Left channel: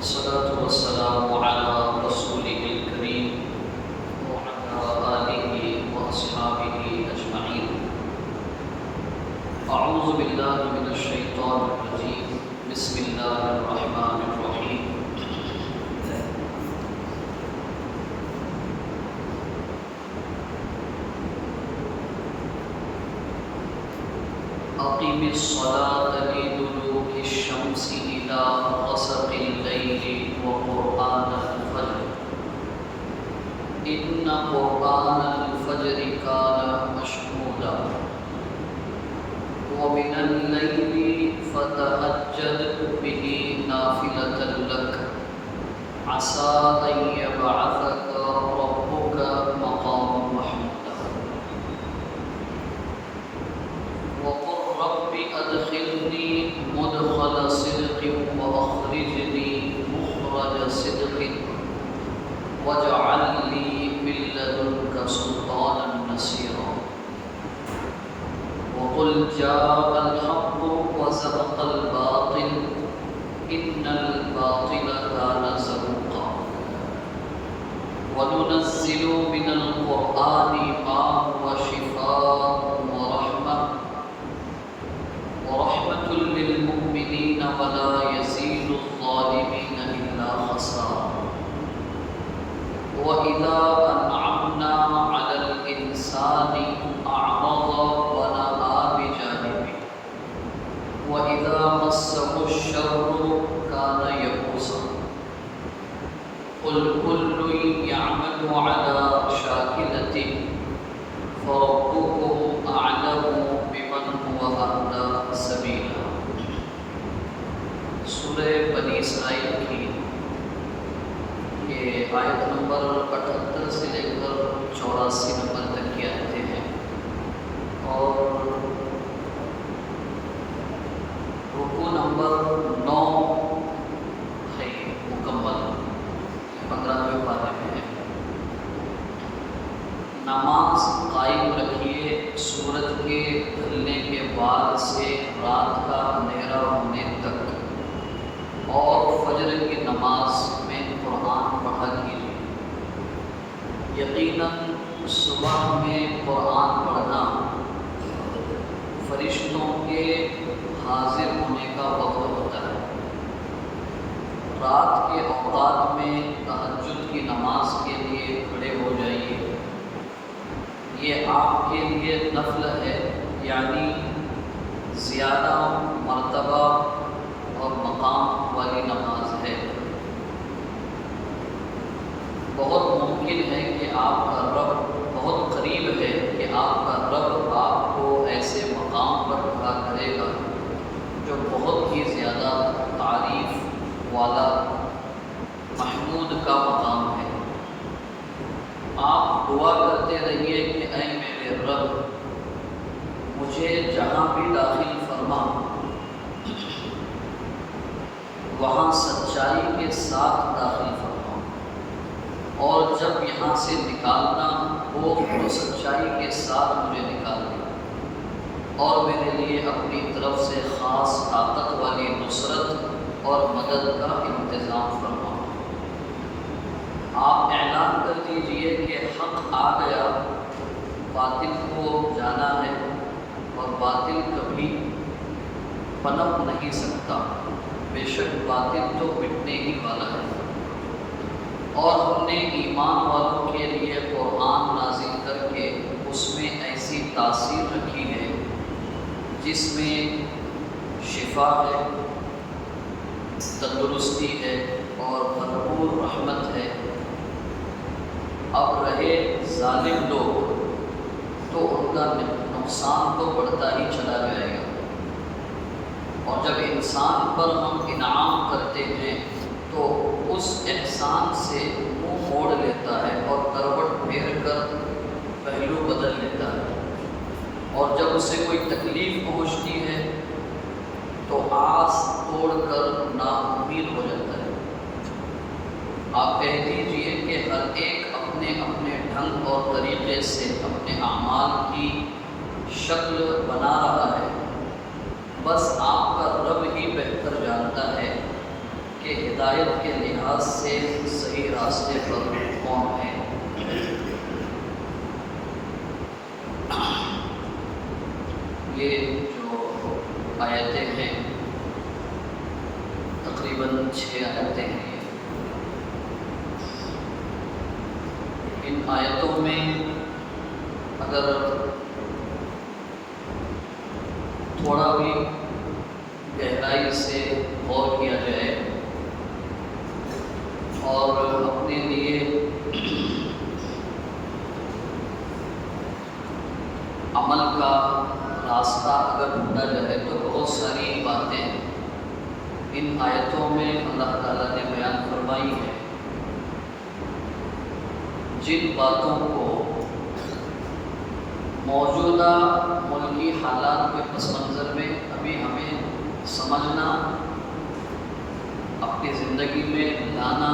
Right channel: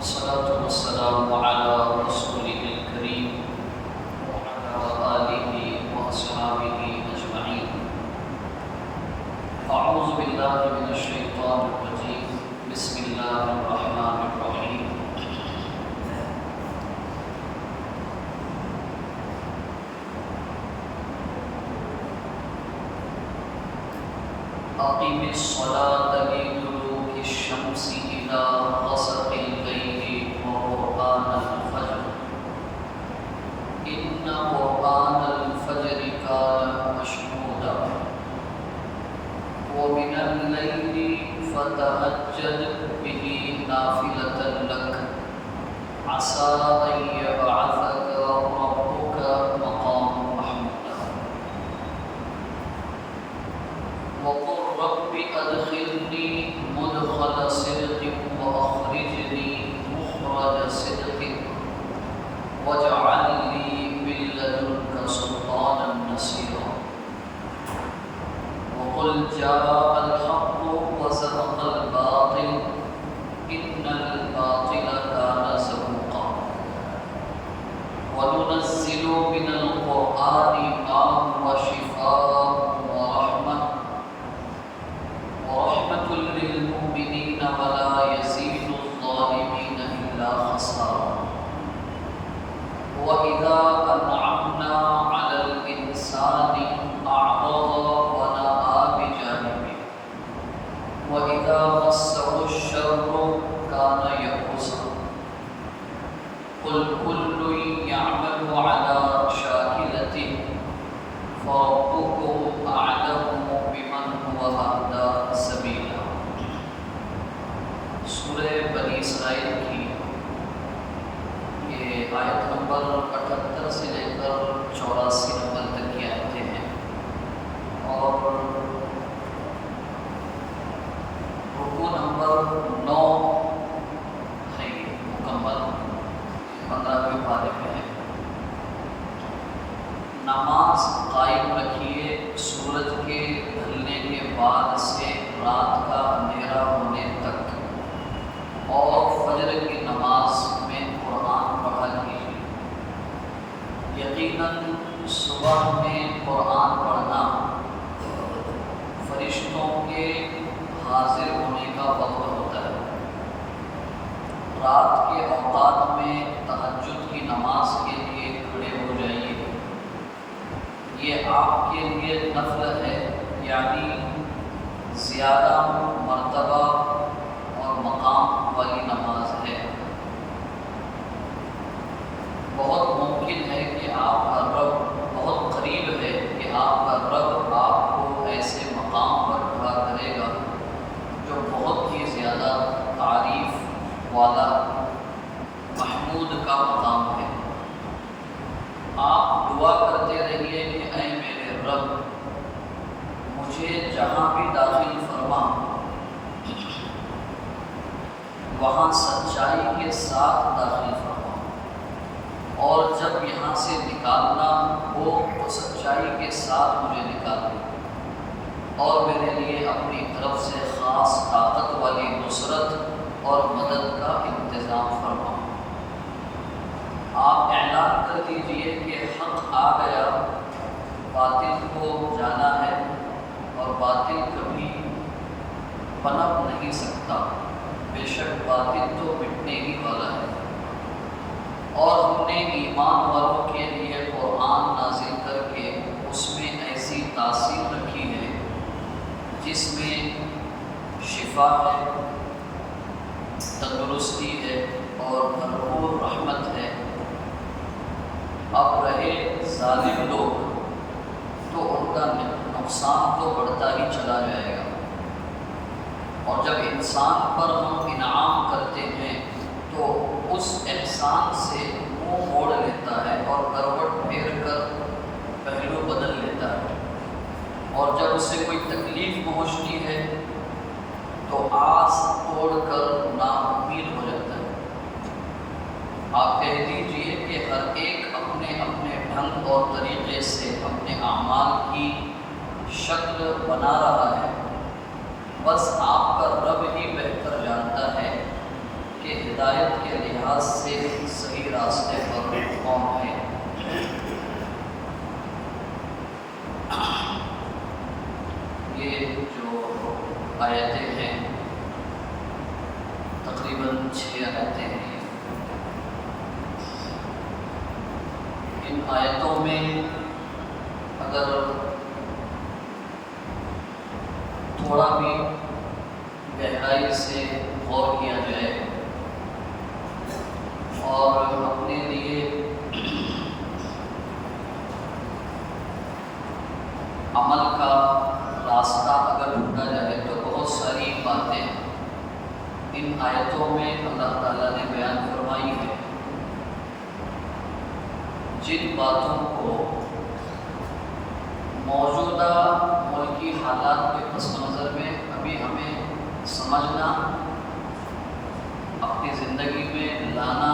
والصلاة والسلام على رسوله الكريم وعلى آله وأصحابه أجمعين. أعوذ بالله من الشيطان الرجيم. بسم الله الرحمن الرحيم. أقم الصلاة لدلوك الشمس إلى غسق الليل وقرآن الفجر إن قرآن الفجر كان مشهودا ومن الليل فتهجد به نافلة لك عسى أن يبعثك ربك مقاما محمودا وقل رب أدخلني مدخل صدق وأخرجني مخرج صدق واجعل لي من لدنك سلطانا نصيرا وقل جاء الحق وزهق الباطل إن الباطل كان زهوقا وننزل من القرآن ما هو شفاء ورحمة للمؤمنين ولا يزيد الظالمين إلا خسارا وإذا أنعمنا على الإنسان أعرض ونأى بجانبه وإذا مسه الشر كان يئوسا قل كل يعمل على شاكلته فربكم أعلم بمن هو أهدى سبيلا. سورہ بنی اسرائیل کی یہ آیت نمبر 78 سے لے کر 84 نمبر تک کی آیتیں ہیں اور رکوع نمبر 9 ہے یہ مکمل 15ویں پارے میں ہے. نماز قائم رکھیے سورج کے ڈھلنے کے بعد سے رات کا اندھیرا ہونے تک اور فجر کی نماز میں قرآن پڑھا کیجیے. یقیناً صبح میں قرآن پڑھنا فرشتوں کے حاضر ہونے کا وقت ہوتا ہے. رات کے اوقات میں تہجد کی نماز کے لیے کھڑے ہو جائیے. یہ آپ کے لیے نفل ہے یعنی زیادہ مرتبہ اور مقام والی نماز ہے. بہت ممکن ہے کہ آپ کا رب بہت قریب ہے کہ آپ کا رب آپ کو ایسے مقام پر کھڑا کرے گا جو بہت ہی زیادہ تعریف والا محمود کا مقام ہے. آپ دعا کرتے رہیے کہ اے میرے رب مجھے جہاں بھی داخل فرما وہاں سچائی کے ساتھ داخل فرما اور جب یہاں سے نکالنا ہو تو سچائی کے ساتھ مجھے نکال دے اور میرے لیے اپنی طرف سے خاص طاقت والی نصرت اور مدد کا انتظام فرما. آپ اعلان کر دیجئے کہ حق آ گیا, باطل کو جانا ہے اور باطل کبھی پنپ نہیں سکتا. بے شک باطل تو مٹنے ہی والا ہے. اور ہم نے ایمان والوں کے لیے قرآن نازل کر کے اس میں ایسی تاثیر رکھی ہے جس میں شفا ہے, تندرستی ہے اور بھرپور رحمت ہے. اب رہے ظالم لوگ تو ان کا نقصان تو بڑھتا ہی چلا جائے گا. اور جب انسان پر ہم انعام کرتے ہیں تو اس احسان سے منہ موڑ لیتا ہے اور کروٹ پھیر کر پہلو بدل لیتا ہے. اور جب اسے کوئی تکلیف پہنچتی ہے تو آس توڑ کر نا امید ہو جاتا ہے. آپ کہہ دیجئے کہ ہر ایک اپنے اپنے ڈھنگ اور طریقے سے اپنے اعمال کی شکل بنا رہا ہے. بس آپ کا رب ہی بہتر جانتا ہے کہ ہدایت کے لحاظ سے صحیح راستے پر کون ہے۔ یہ جو آیتیں ہیں تقریباً 6 آیتیں ہیں، ان آیتوں میں اگر تھوڑا بھی گہرائی سے غور کیا جائے اور اپنے لیے عمل کا راستہ اگر ڈھونڈا جائے تو بہت ساری باتیں ان آیتوں میں اللہ تعالیٰ نے بیان فرمائی ہے، جن باتوں کو موجودہ ملکی حالات کے پس منظر میں ابھی ہمیں سمجھنا، اپنی زندگی میں لانا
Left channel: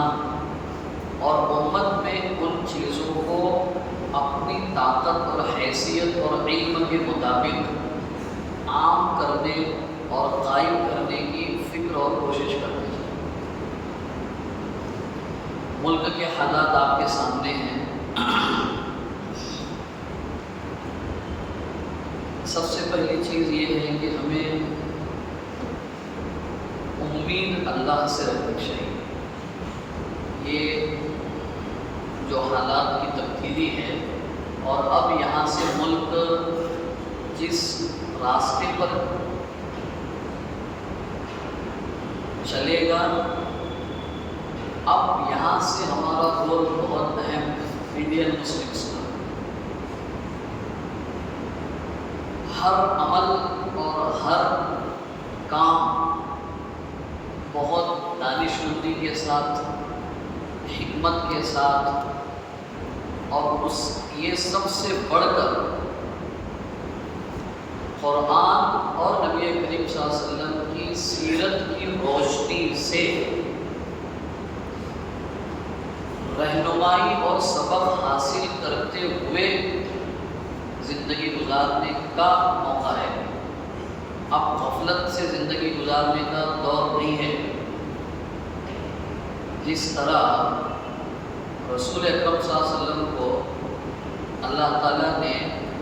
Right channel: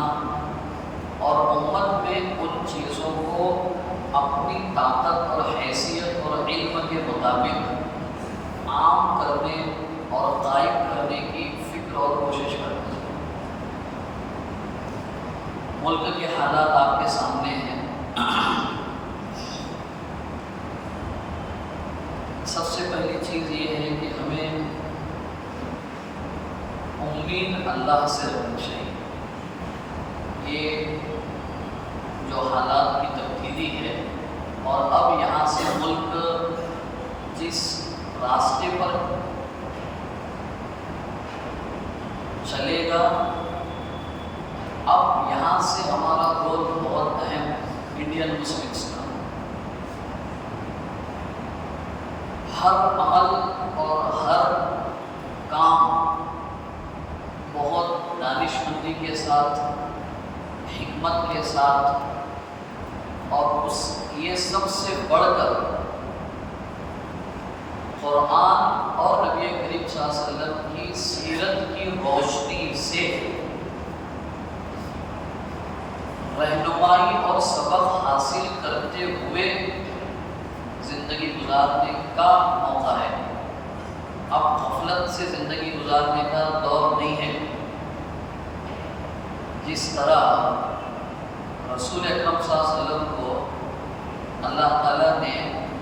اور امت میں ان چیزوں کو اپنی طاقت اور حیثیت اور علم کے مطابق عام کرنے اور قائم کرنے کی فکر اور کوشش کرتے ہیں۔ ملک کے حالات آپ کے سامنے ہیں۔ سب سے پہلی چیز یہ ہے کہ ہمیں امید اللہ سے رکھنی چاہیے۔ یہ جو حالات کی تبدیلی ہے اور اب یہاں سے ملک جس راستے پر چلے گا، اب یہاں سے ہمارا رول بہت اہم ہے انڈین مسلمس کا۔ ہر عمل اور ہر کام بہت دانش مندی کے ساتھ، حکمت کے ساتھ، اور یہ سب سے بڑھ کر قرآن اور نبی کریم صلی اللہ علیہ وسلم کی سیرت کی روشنی سے رہنمائی اور سبق حاصل کرتے ہوئے زندگی گزارنے کا موقع ہے۔ اب غفلت سے زندگی گزارنے کا دور نہیں ہے۔ جس طرح رسول اکرم صلی اللہ علیہ وسلم کو اللہ تعالیٰ نے،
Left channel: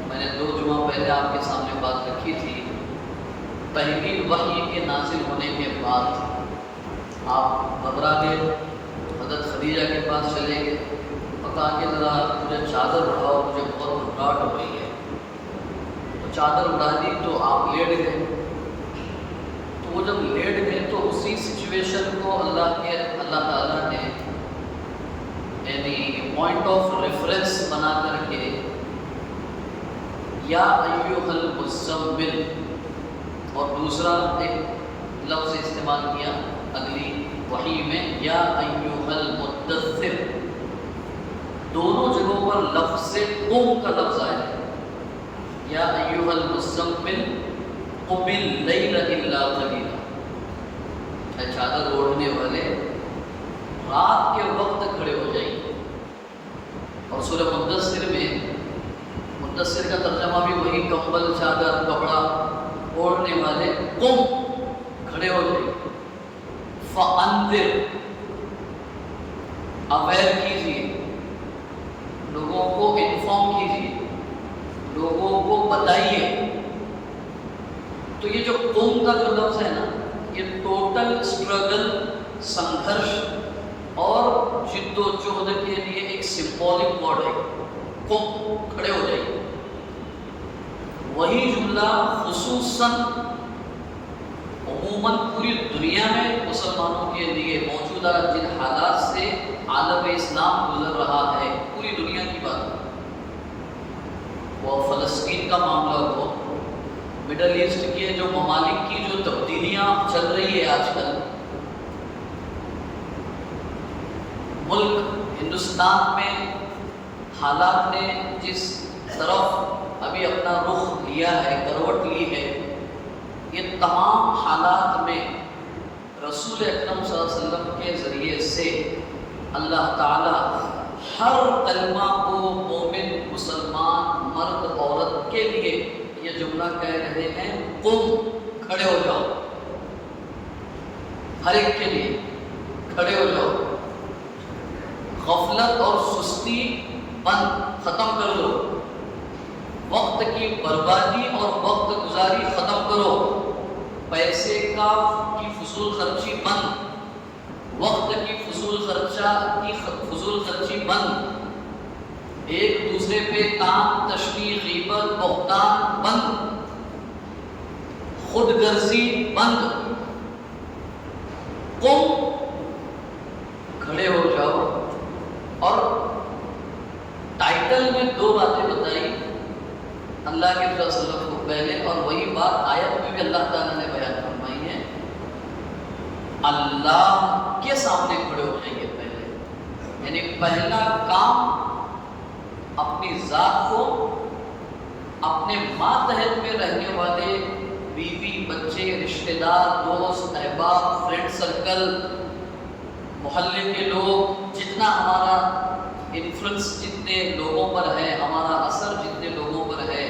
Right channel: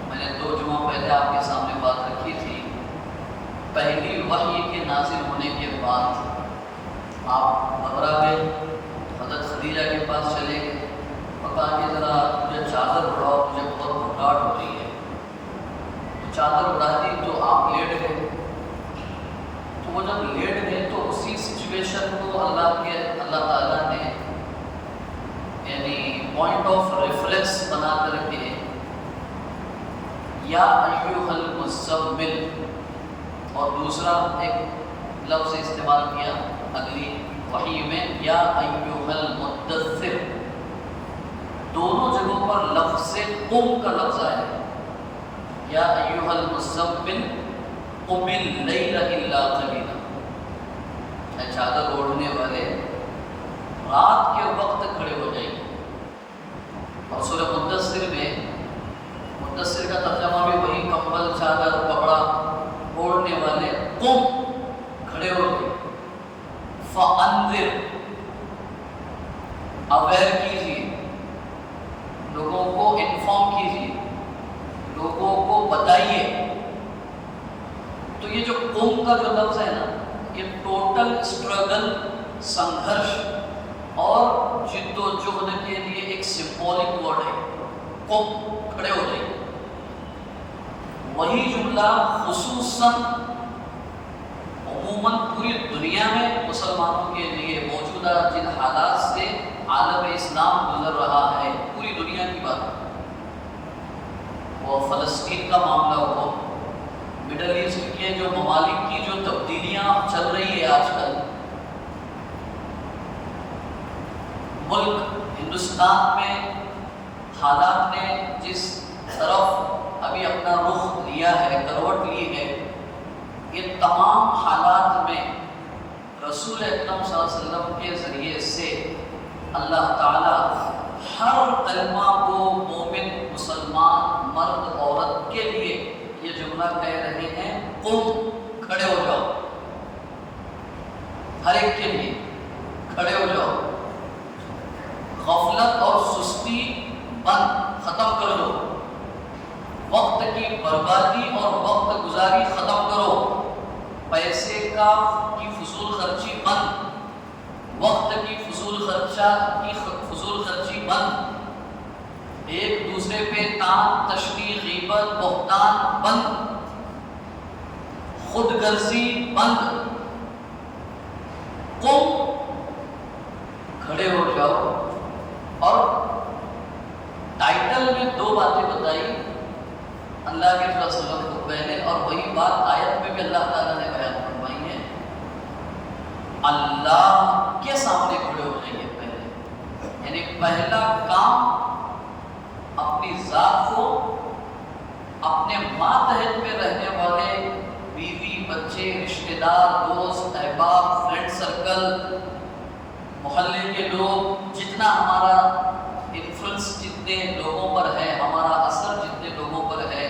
میں نے 2 جمعہ پہلے آپ کے سامنے بات رکھی تھی، پہلی وحی کے نازل ہونے کے بعد آپ گھبرا گئے، حضرت خدیجہ کے پاس چلے گئے، پکا کہ ذرا مجھے چادر اڑاؤ، مجھے بہت گھبراہٹ ہو رہی ہے۔ تو چادر اڑا دی تو آپ لیٹ گئے۔ تو وہ جب لیٹ گئے تو اسی سچویشن کو اللہ تعالیٰ نے یعنی پوائنٹ آف ریفرنس بنا کر کے یا ایھا المزمل، اور دوسرا ایک لفظ استعمال کیا اگلی وحی میں، یا ایھا المدثر، دونوں جگہوں پر لفظ قم کا لفظ آیا ہے۔ یا ایھا المزمل قم اللیل الا قلیلا، اے چادر اوڑھنے والے رات کے وقت کھڑے ہو جائیے۔ اور سورہ مدثر میں، مدثر کا ترجمہ بھی وہی، کمبل، چادر، کپڑا اوڑھنے والے، قم، کھڑے ہو جائیے، فانذر، اویئر کیجیے، لوگوں کو انفارم کیجیے، لوگوں کو بتائیے۔ تو یہ جو قوم کا جو لفظ ہے نا، یہ ٹوٹل اسٹرگل، سنگھرش اور جد و جہد کے لیے ایک سمبولک ورڈ ہے۔ قم، کھڑے ہو جائیے۔ وہی جملہ خصوصاً عموماً پوری دنیا میں مسلمانوں کے لیے موجودہ جن حالات سے عالم اسلام گزر رہا ہے، پوری دنیا کی بات ہے، وہ فلسطین کا معاملہ ہو، مڈل ایسٹ کے جو ممالک کی جو تبدیلیاں چل رہی ہے آج کل، ملک ہندوستان میں حالات نے جس طرف ابھی اپنا رخ لیا ہے، کروٹ لی ہے، یہ تمام حالات میں رسول اکرم صلی اللہ علیہ وسلم کے ذریعے سے اللہ تعالیٰ ہر کلمہ کو مومن، مسلمان، مرد، عورت کے لیے یہ جملہ کہہ رہے ہیں، قم، کھڑے ہو جاؤ، ہر ایک کے لیے۔ کھڑے ہو جاؤ، غفلت اور سستی بند، ختم کر دو، وقت کی بربادی اور وقت گزاری ختم کرو، پیسے کی فضول خرچی بند، وقت کی فضول خرچی بند، ایک دوسرے پہ تان تشنیع غیبت بہتان بند، خود غرضی بند، قم، کھڑے ہو جاؤ۔ اور ٹائٹل میں 2 باتیں بتائی اللہ کے رسول صلی اللہ علیہ وسلم کو پہلے، اور وہی بات آیت میں بھی اللہ تعالیٰ نے بیان فرمائی ہے، اللہ کے سامنے کھڑے ہو جائیں گے پہلے، یعنی پہلا کام اپنی ذات کو، اپنے ماتحت میں رہنے والے بیوی بچے رشتہ دار دوست احباب فرینڈ سرکل محلے کے لوگ، جتنا ہمارا انفلوئنس جتنے لوگوں پر ہے، ہمارا اثر جتنے لوگوں پر ہے،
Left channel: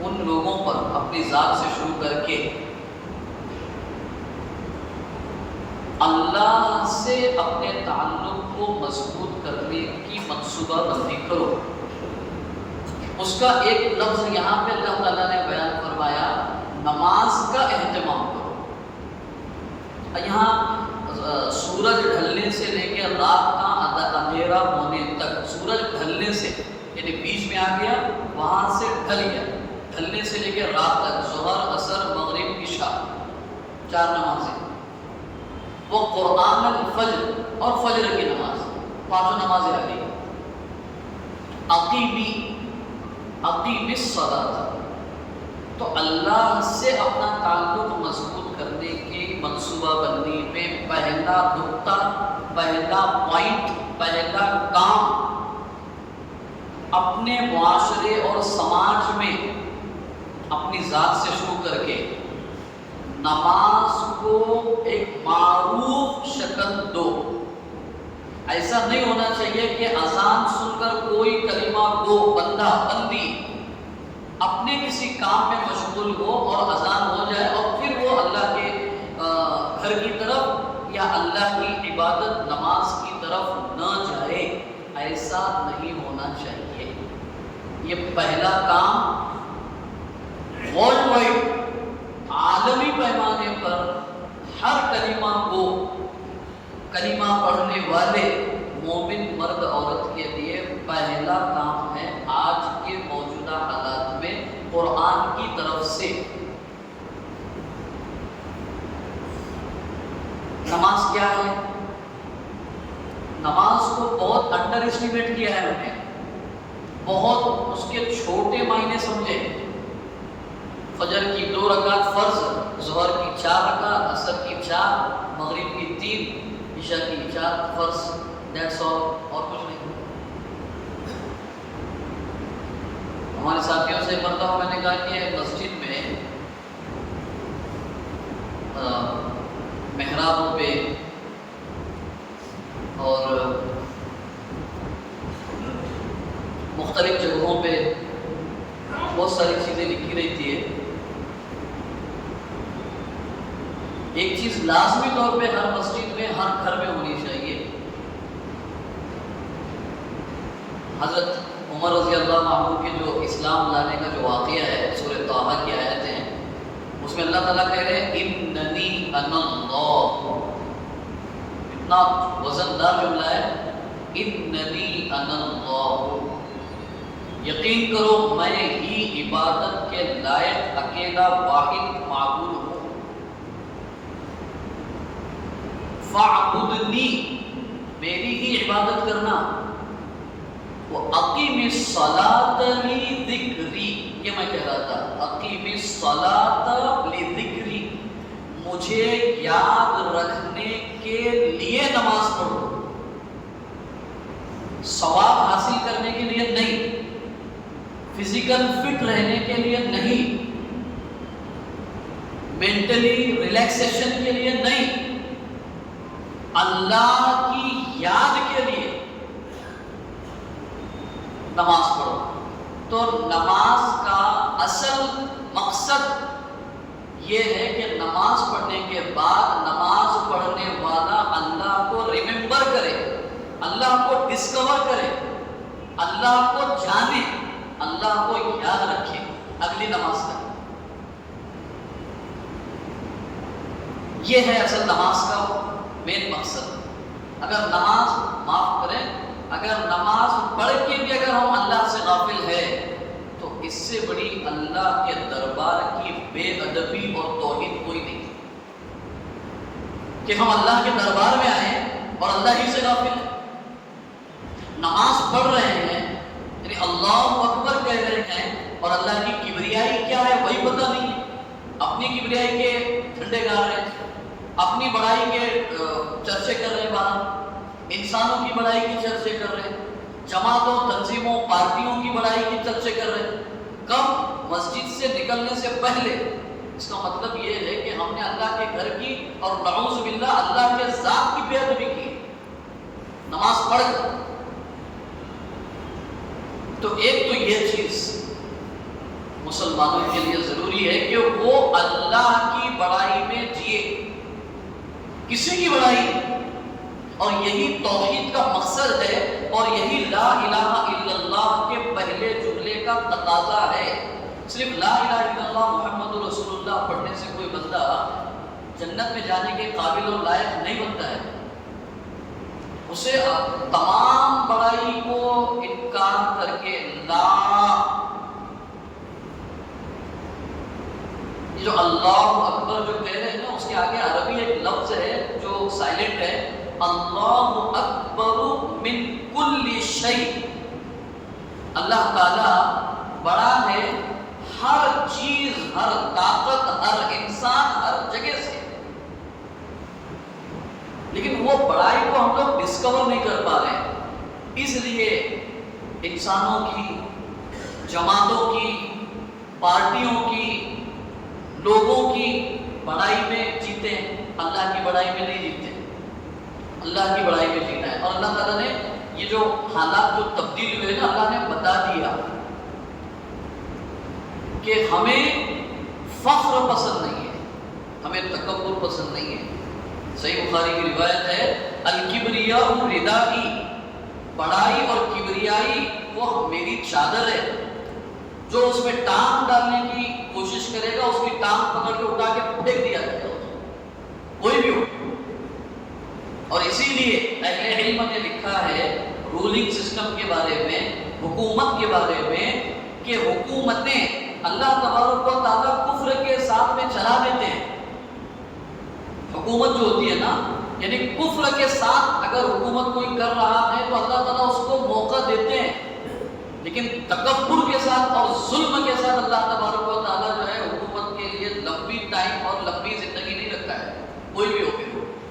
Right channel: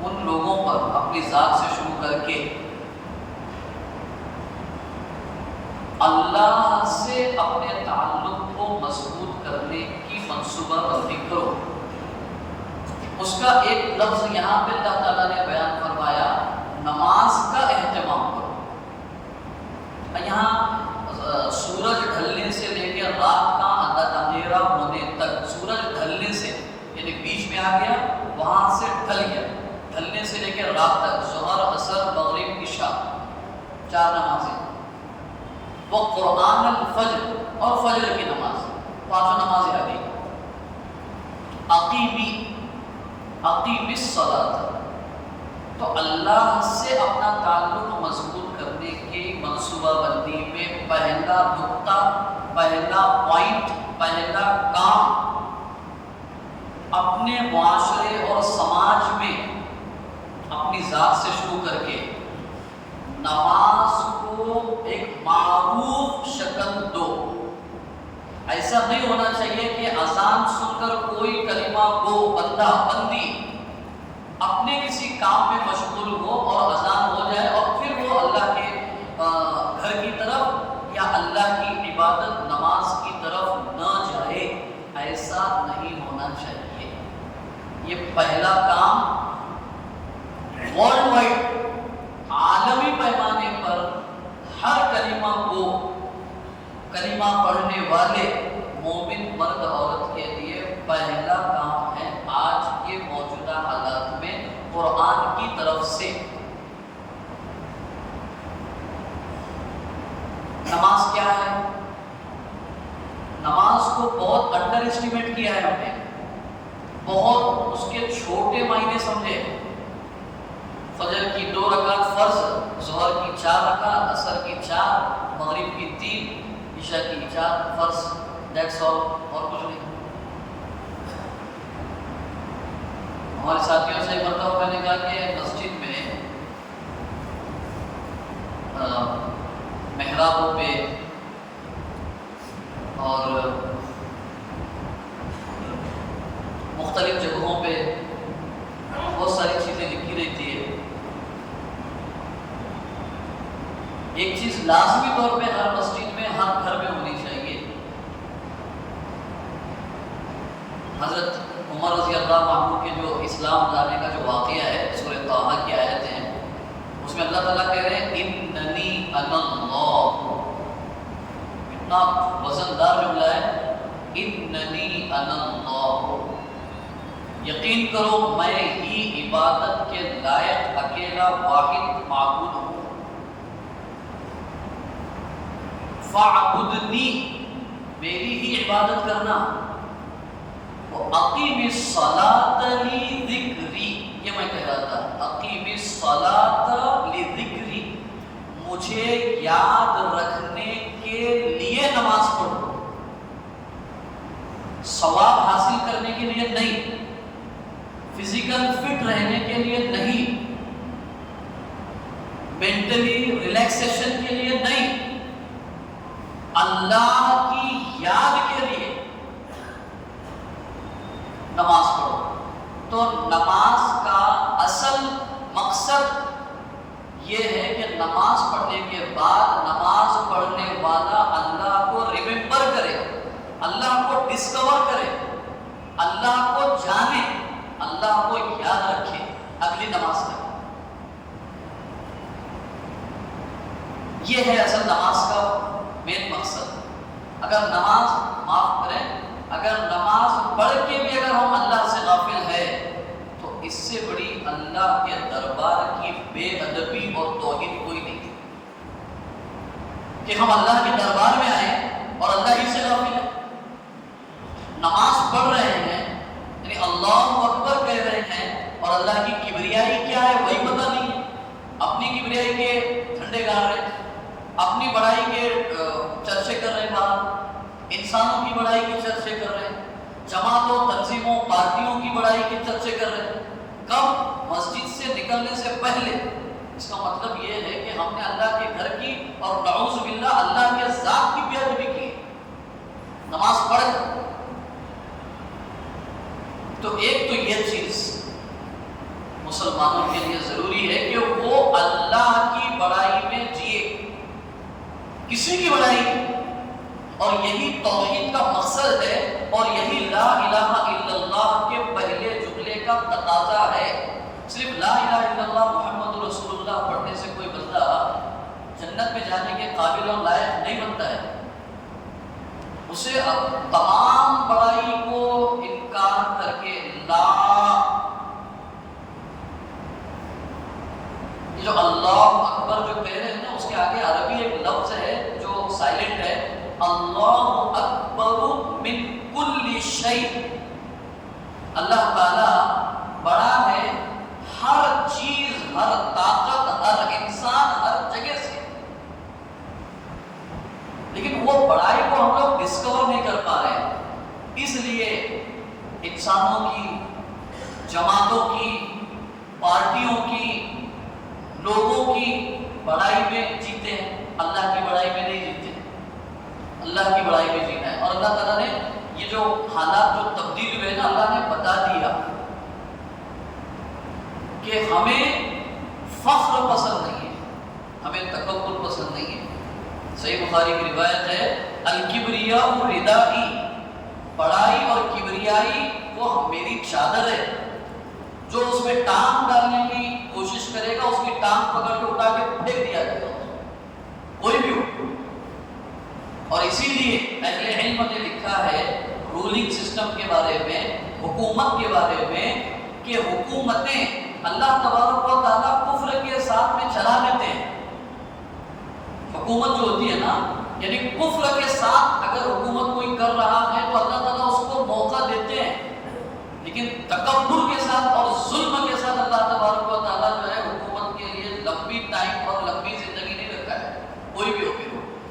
ان لوگوں پر اپنی ذات سے شروع کر کے اللہ سے اپنے تعلق کو مضبوط کرنے کی منصوبہ بندی کرو۔ اس کا ایک لفظ یہاں پہ اللہ تعالیٰ نے بیان فرمایا، نماز کا اہتمام کرو۔ یہاں سورج ڈھلنے سے لے کے رات کا اندھیرا ہونے تک، سورج ڈھلنے سے یعنی بیچ میں آ گیا، وہاں سے ڈھل گیا، ڈھلنے سے لے کے رات تک، ظہر عصر مغرب عشاء 4 نمازیں، وہ قرآن الفجر اور فجر کی نماز 5 نمازیں آ گئی۔ اقیم الصلاۃ، تو اللہ سے اپنا تعلق مضبوط کرنے کی منصوبہ بندی میں پہلا نقطہ، پہلا پوائنٹ، پہلا کام اپنے معاشرے اور سماج میں اپنی ذات سے شروع کر کے نماز کو ایک معروف شکل دو۔ ایسا نہیں ہونا چاہیے کہ اذان سن کر کوئی کلمہ گو بندہ بندی اپنے کسی کام میں مشغول ہو اور اذان ہو جائے اور پھر وہ اللہ کے گھر کی طرف یا اللہ کی عبادت نماز کی طرف نہ جائے، ایسا نہیں ہونا چاہیے۔ یہ پہلا کام ورلڈ وائڈ عالمی پیمانے پر ہر کلمہ کو، کلمہ پڑھنے والے مومن مرد عورت کے لیے پہلا کام ہے آج کے موجودہ حالات میں قرآن کی طرف سے۔ نماز کیا ہے؟ نماز کو بہت انڈر اسٹیمیٹ کیا ہے انہوں نے، بہت اس کے چھوٹے معنی سمجھے۔ فجر کی 2 رکعت فرض، ظہر کی 4 رکعت، عصر کی 4، مغرب کی 3، عشاء کی 4 فرض، دیٹس آل، اور کچھ نہیں۔ ہمارے ساتھیوں سے مرتبہ میں نے کہا کہ مسجد میں محرابوں پہ اور مختلف جگہوں پہ بہت ساری چیزیں لکھی رہتی ہے۔ ایک چیز لازمی طور پہ ہر مسجد میں، ہر گھر میں ہونی چاہیے۔ حضرت عمر رضی اللہ عنہ کے جو اسلام لانے کا جو واقعہ ہے، سورہ طٰہٰ کی آیتیں ہیں، اس میں اللہ تعالیٰ کہہ رہے ہیں اننی انا اللہ، اتنا وزندار جملہ ہے، اننی انا اللہ، یقین کرو میں ہی عبادت کے لائق اکیلا واحد معبود ہوں، فاعبدنی، میری ہی عبادت کرنا، وَأَقِمِ الصَّلَاةَ لِذِكْرِي، یہ میں کہہ رہا تھا، اقیم الصلاۃ لذکری، مجھے یاد رکھنے کے لیے نماز پڑھو، ثواب حاصل کرنے کے لیے نہیں، فزیکل فٹ رہنے کے لیے نہیں، مینٹلی ریلیکسیشن کے لیے نہیں، اللہ کی یاد کے لیے نماز پڑھو۔ تو نماز کا اصل مقصد یہ ہے کہ نماز پڑھنے کے بعد نماز پڑھنے والا اللہ کو ریممبر کرے، اللہ کو ڈسکور کرے، اللہ کو جانے، اللہ کو یاد رکھے اگلی نماز تک۔ یہ ہے اصل نماز کا مین مقصد۔ اگر نماز، معاف کریں، اگر نماز پڑھ کے بھی اگر ہم اللہ سے غافل ہے تو اس سے بڑی اللہ کے دربار کی بے ادبی اور توہین کوئی نہیں کہ ہم اللہ کے دربار میں آئیں اور اللہ ہی سے غافل ہیں۔ نماز پڑھ رہے ہیں یعنی اللہ اکبر کہہ رہے ہیں اور اللہ کی کبریائی کیا ہے وہی پتہ نہیں ہے، اپنی کبریائی کے جھنڈے گاڑ رہے ہیں، اپنی بڑائی کے چرچے کر رہے ہیں، باہر انسانوں کی بڑائی کے چرچے کر رہے ہیں، جماعتوں، تنظیموں، پارٹیوں کی بڑائی کے چرچے کر رہے ہیں۔ کب؟ مسجد سے نکلنے سے پہلے۔ اس کا مطلب یہ ہے کہ ہم نے اللہ کے گھر کی اور نعوذ باللہ اللہ کے ذات کی بے ادبی کی نماز پڑھ کر۔ تو ایک تو یہ چیز مسلمانوں کے لیے ضروری ہے کہ وہ اللہ کی بڑائی میں جیے، کسی کی بڑائی نہیں، اور یہی توحید کا مقصد ہے اور یہی لا الہ الا اللہ کے پہلے جملے کا تقاضا ہے۔ صرف لا الہ الا اللہ محمد رسول اللہ پڑھنے سے کوئی بندہ جنت میں جانے کے قابل اور لائق نہیں بنتا ہے، اسے تمام بڑائی کو انکار کر کے لا، یہ جو اللہ اکبر جو کہہ رہے ہیں نا، اس کے آگے عربی ایک لفظ ہے جو سائلنٹ ہے، اللہ اکبر من کل شیء۔ اللہ تعالی بڑا ہے ہر چیز، ہر طاقت، ہر انسان، ہر جگہ سے، لیکن وہ بڑائی کو ہم لوگ ڈسکور نہیں کر پا رہے ہیں، اس لیے انسانوں کی، جماعتوں کی، پارٹیوں کی، لوگوں کی بڑائی میں جیتے ہیں، اللہ کی بڑائی میں نہیں جیتے۔ اللہ کی بڑائی میں جینا ہے، اور اللہ تعالیٰ نے یہ جو حالات جو تبدیل ہوئے نا، اللہ نے بتا دیا کہ ہمیں فخر پسند نہیں ہے، ہمیں تکبر پسند نہیں ہے۔ صحیح بخاری کی روایت ہے، الکبریاء ردائی، بڑائی اور کبریائی وہ میری چادر ہے، جو اس میں ٹانگ ڈالنے کی کوشش کرے گا اس کی ٹانگ پکڑ کے اٹھا کے پھینک دیا جائے گا، کوئی بھی ہو۔ اور اسی لیے اہل علم نے لکھا ہے رولنگ سسٹم کے بارے میں، حکومت کے بارے میں، کہ حکومتیں اللہ تبارک و تعالیٰ کفر کے ساتھ میں چلا دیتے ہیں۔ حکومت جو ہوتی ہے نا، یعنی کفر کے ساتھ اگر حکومت کوئی کر رہا ہے تو اللہ تعالیٰ اس کو موقع دیتے ہیں، لیکن تکبر کے ساتھ اور ظلم کے ساتھ اللہ تبارک و تعالیٰ جو ہے حکومت کے لیے لمبی ٹائم اور لمبی زندگی نہیں رکھا ہے، کوئی بھی ہو، پھر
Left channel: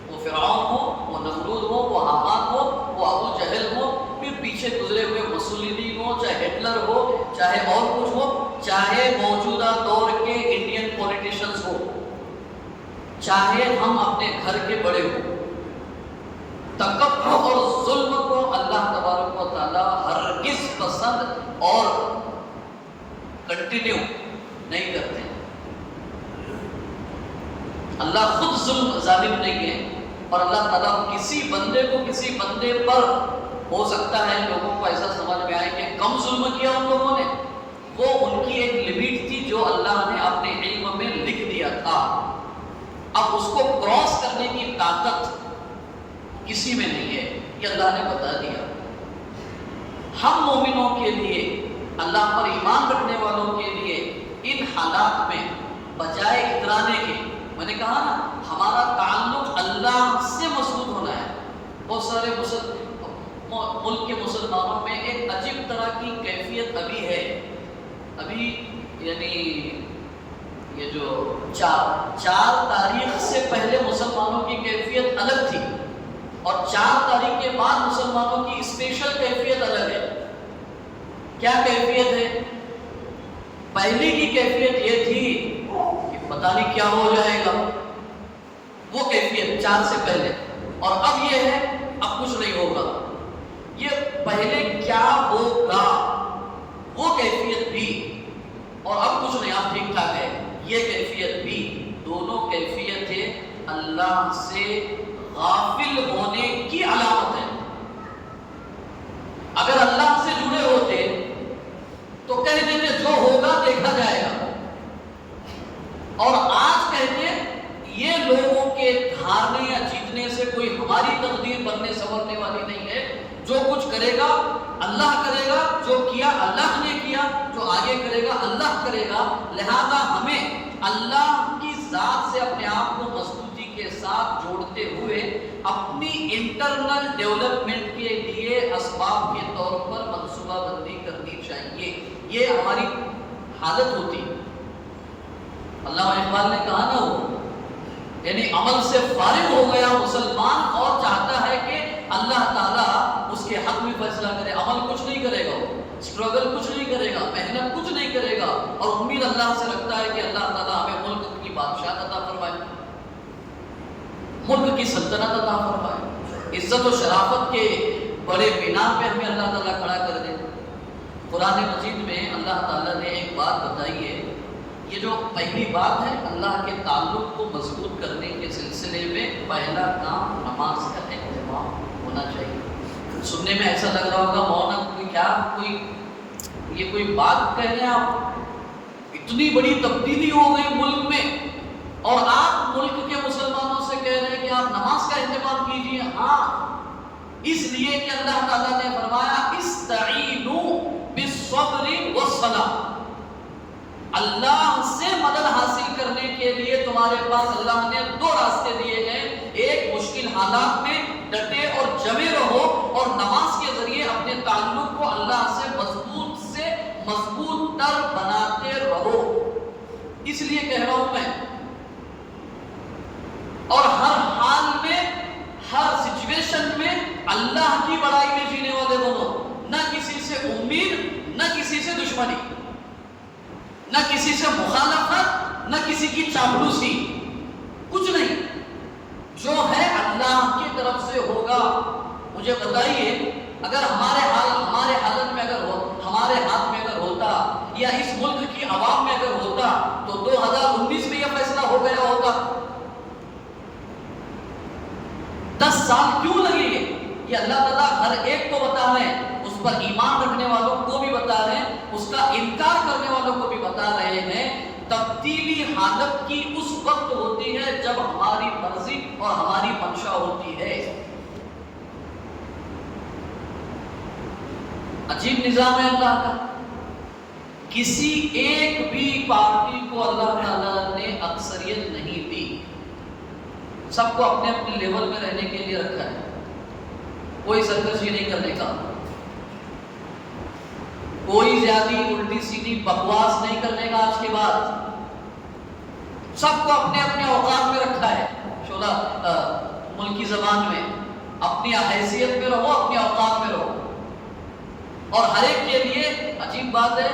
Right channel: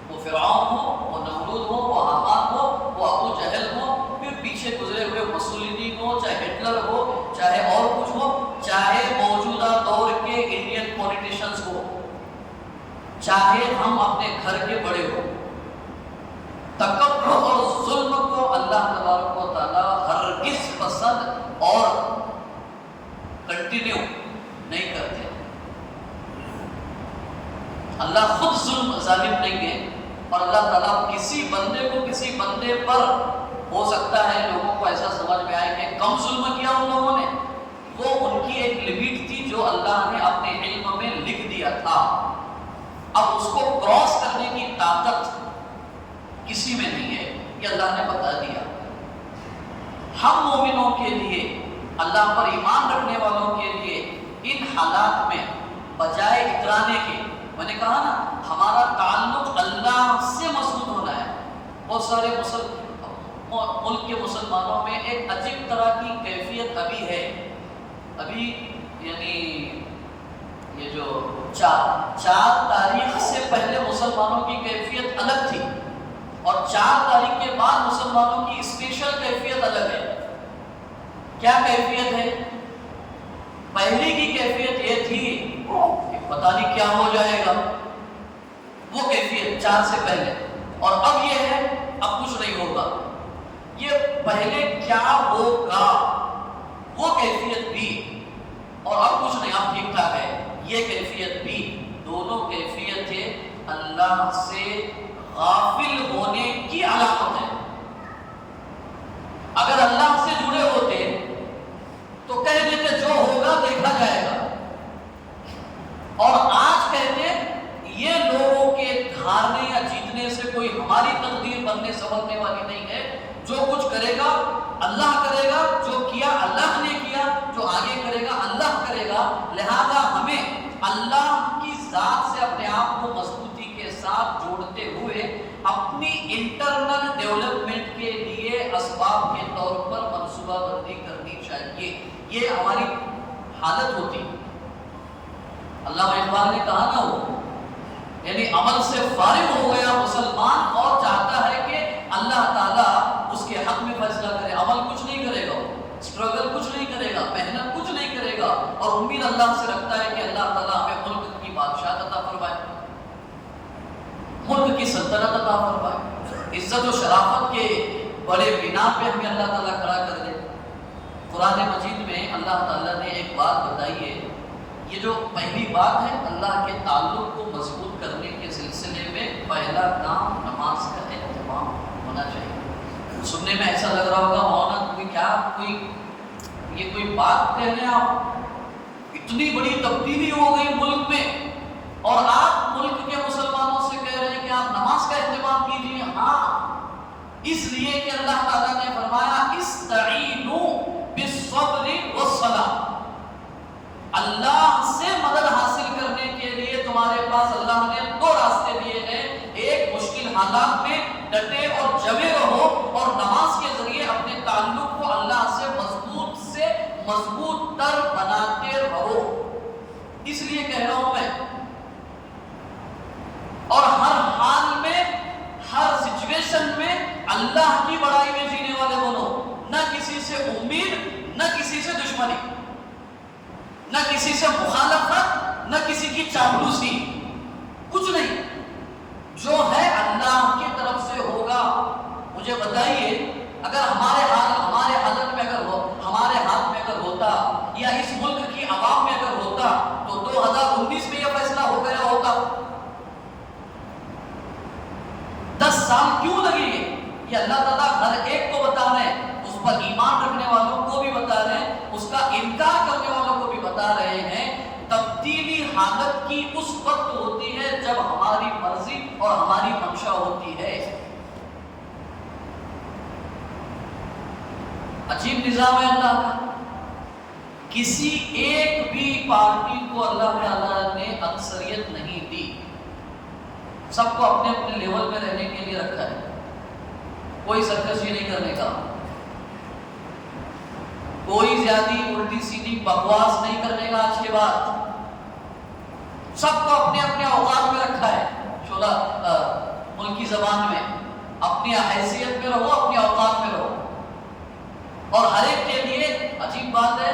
وہ فرعون ہو، وہ نمرود ہو، وہ حامان ہو، وہ ابو جہل ہو، پھر پیچھے گزرے ہوئے مسولینی ہو، چاہے ہٹلر ہو، چاہے اور کچھ ہو، چاہے موجودہ دور کے انڈین پولیٹیشنز ہو، چاہے ہم اپنے گھر کے بڑے ہو، تکبر اور ظلم کو اللہ تبارک و تعالیٰ ہرگز پسند اور کنٹینیو نہیں کرتے۔ اللہ خود ظالم نہیں ہے، اور اللہ تعالیٰ کسی بندے کو کسی بندے پر، ہو سکتا ہے لوگوں کو ایسا سمجھ میں آئے کہ کم ظلم کیا ان لوگوں نے، وہ ان کی ایک لمٹ تھی جو اللہ نے اپنے علم میں لکھ دیا تھا، اب اس کو کراس کرنے کی طاقت کسی میں نہیں ہے، یہ اللہ نے بتا دیا۔ ہم مومنوں کے لیے، اللہ پر ایمان رکھنے والوں کے لیے ان حالات میں بجائے اترانے کے، میں نے کہا نا ہمارا تعلق اللہ سے مضبوط ہونا ہے۔ بہت سارے ملک کے مسلمانوں میں ایک عجیب طرح کی کیفیت ابھی ہے، ابھی یعنی یہ جو چار تاریخ سے پہلے مسلمانوں کی کیفیت الگ تھی، اور 4 تاریخ کے بعد مسلمانوں کی اسپیشل کیفیت الگ ہے۔ کیا کیفیت ہے؟ پہلی کی کیفیت یہ تھی کہ پتہ نہیں کیا ہو جائے گا، وہ کیفیت 4 سے پہلے، اور اب یہ ہے اب کچھ نہیں ہوگا۔ یہ پہلے کیا ہوگا وہ کیفیت بھی، اور اب کچھ نہیں، اب ٹھیک ٹھاک ہے، یہ کیفیت بھی۔ دونوں کیفیتیں اللہ سے غافل ہونے کی علامت ہے۔ اگر اللہ سے جڑے ہوتے تو کہہ دیتے جو ہوگا دیکھا جائے گا، اور آج کہتے یہ لوگوں کے ہارنے یا جیتنے سے کوئی ہماری تقدیر بننے سنورنے والی نہیں ہے، جو کچھ کرے گا اللہ کرے گا، جو کیا اللہ نے کیا، جو آگے کرے گا اللہ کرے گا۔ لہذا ہمیں اللہ کی ذات سے اپنے آپ کو مضبوطی کے ساتھ جوڑتے ہوئے اپنی انٹرنل ڈیولپمنٹ کے لیے اسباب کے طور پر منصوبہ بندی کرنی چاہیے۔ یہ ہماری حالت ہوتی۔ علامہ اقبال نے کہا نا، وہ یعنی عمل سے فارغ ہو گیا مسلمان اور چاہتا ہے کہ اللہ تعالیٰ اس کے حق میں فیصلہ کرے، عمل کچھ نہیں کرے گا، وہ اسٹرگل کچھ نہیں کرے گا، محنت کچھ نہیں کرے گا، اور امید اللہ سے رکھتا ہے کہ اللہ تعالیٰ ہمیں ملک کی بادشاہت عطا فرمائے، ملک کی سلطنت عطا فرمائے، عزت و شرافت کے بڑے بنا پہ ہمیں اللہ تعالیٰ کھڑا کر دے۔ قرآن مجید میں اللہ تعالیٰ نے ایک بات بتائی ہے، یہ جو پہلی بات ہے اللہ کے تعلق کو مضبوط کرنے کے سلسلے میں پہلا کام نماز کا اہتمام ہونا چاہیے۔ سننے میں ایسا لگ رہا ہوگا مولانا کیا یہ کوئی بات کہہ رہے ہیں آپ، اتنی بڑی تبدیلی ہو گئی ملک میں اور آپ ملک کے مسلمانوں سے کہہ رہے ہیں کہ آپ نماز کا اہتمام کیجیے۔ ہاں، اس لیے کہ اللہ تعالیٰ نے فرمایا استعینوا بالصبر والصلاۃ، اللہ سے مدد حاصل کرنے کے لیے تمہارے پاس اللہ نے دو راستے دیے ہیں، ایک مشکل حالات میں ڈٹے اور جمے رہو، اور نماز کے ذریعے اپنے تعلق کو اللہ سے مضبوط تر بناتے رہو۔ اس لیے کہہ رہا ہوں میں، اور ہر حال میں ہر سچویشن میں اللہ کی بڑائی میں جینے والے بنو، نہ کسی سے امید، نہ کسی سے دشمنی، نہ کسی سے مخالفت، نہ کسی کی چاپلوسی، کچھ نہیں، جو ہے اللہ کی طرف سے ہوگا۔ مجھے بتائیے اگر ہمارے حالت میں اگر ہمارے ہاتھ میں اگر ہوتا یا اس ملک کی عوام میں اگر ہوتا تو 2019 میں یہ فیصلہ ہو گیا ہوتا۔ 10 سال کیوں لگے یہ اللہ تعالیٰ ہر ایک کو بتا رہے ہیں، اس پر ایمان رکھنے والوں کو بھی بتا رہے ہیں، اس کا انکار کرنے والوں کو بھی بتا رہے ہیں۔ تبدیلی حالت کی اس وقت ہوتی ہے جب ہماری مرضی اور ہماری منشا ہوتی ہے۔ عجیب نظام ہے اللہ کا، کسی ایک بھی پارٹی کو اللہ تعالیٰ نے اکثریت نہیں دی، سب کو اپنے اپنے لیول میں رہنے کے لیے رکھا ہے، کوئی سرکشی نہیں کرنے کا، کوئی زیادہ الٹی سیدھی بکواس نہیں کرنے کا، آج کے بعد سب کو اپنے اپنے اوقات میں رکھا ہے، شعلہ ملکی زبان میں اپنی حیثیت میں رہو، اپنے اوقات میں رہو، اور ہر ایک کے لیے عجیب بات ہے،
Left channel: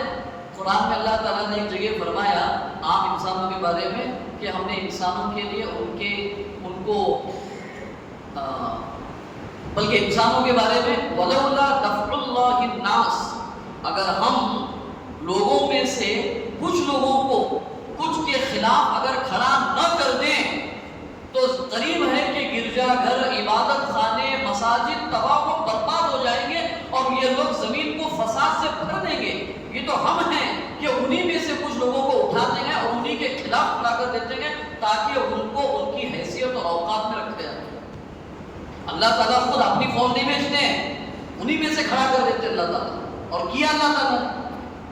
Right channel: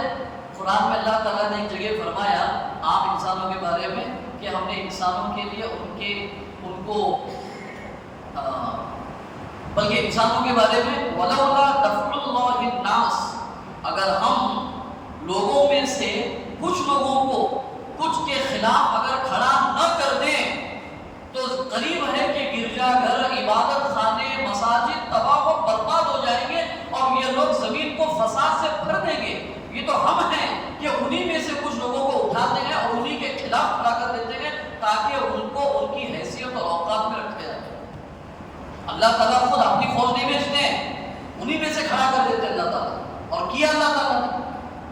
قرآن میں اللہ تعالیٰ نے ایک جگہ فرمایا عام انسانوں کے بارے میں کہ ہم نے انسانوں کے لیے ان کو بلکہ انسانوں کے بارے میں وَلَوْلَا دَفْعُ اللَّهِ النَّاسِ، اگر ہم لوگوں میں سے کچھ لوگوں کو کچھ کے خلاف اگر کھڑا نہ کر دیں تو قریب ہے کہ گرجا گھر، عبادت خانے، مساجد تباہ و برباد ہو جائیں گے اور یہ لوگ زمین کو فساد سے بھر دیں گے۔ یہ تو ہم ہیں کہ انہی میں سے کچھ لوگوں کو اٹھاتے ہیں اور انہی کے خلاف کھڑا کر دیتے ہیں تاکہ ان کو ان کی حیثیت اور اوقات میں رکھا جائے۔ اللہ تعالیٰ خود اپنی فوج نہیں بھیجتے ہیں، انہی میں سے کھڑا کر دیتے اللہ تعالیٰ، اور کیا اللہ تعالیٰ نے۔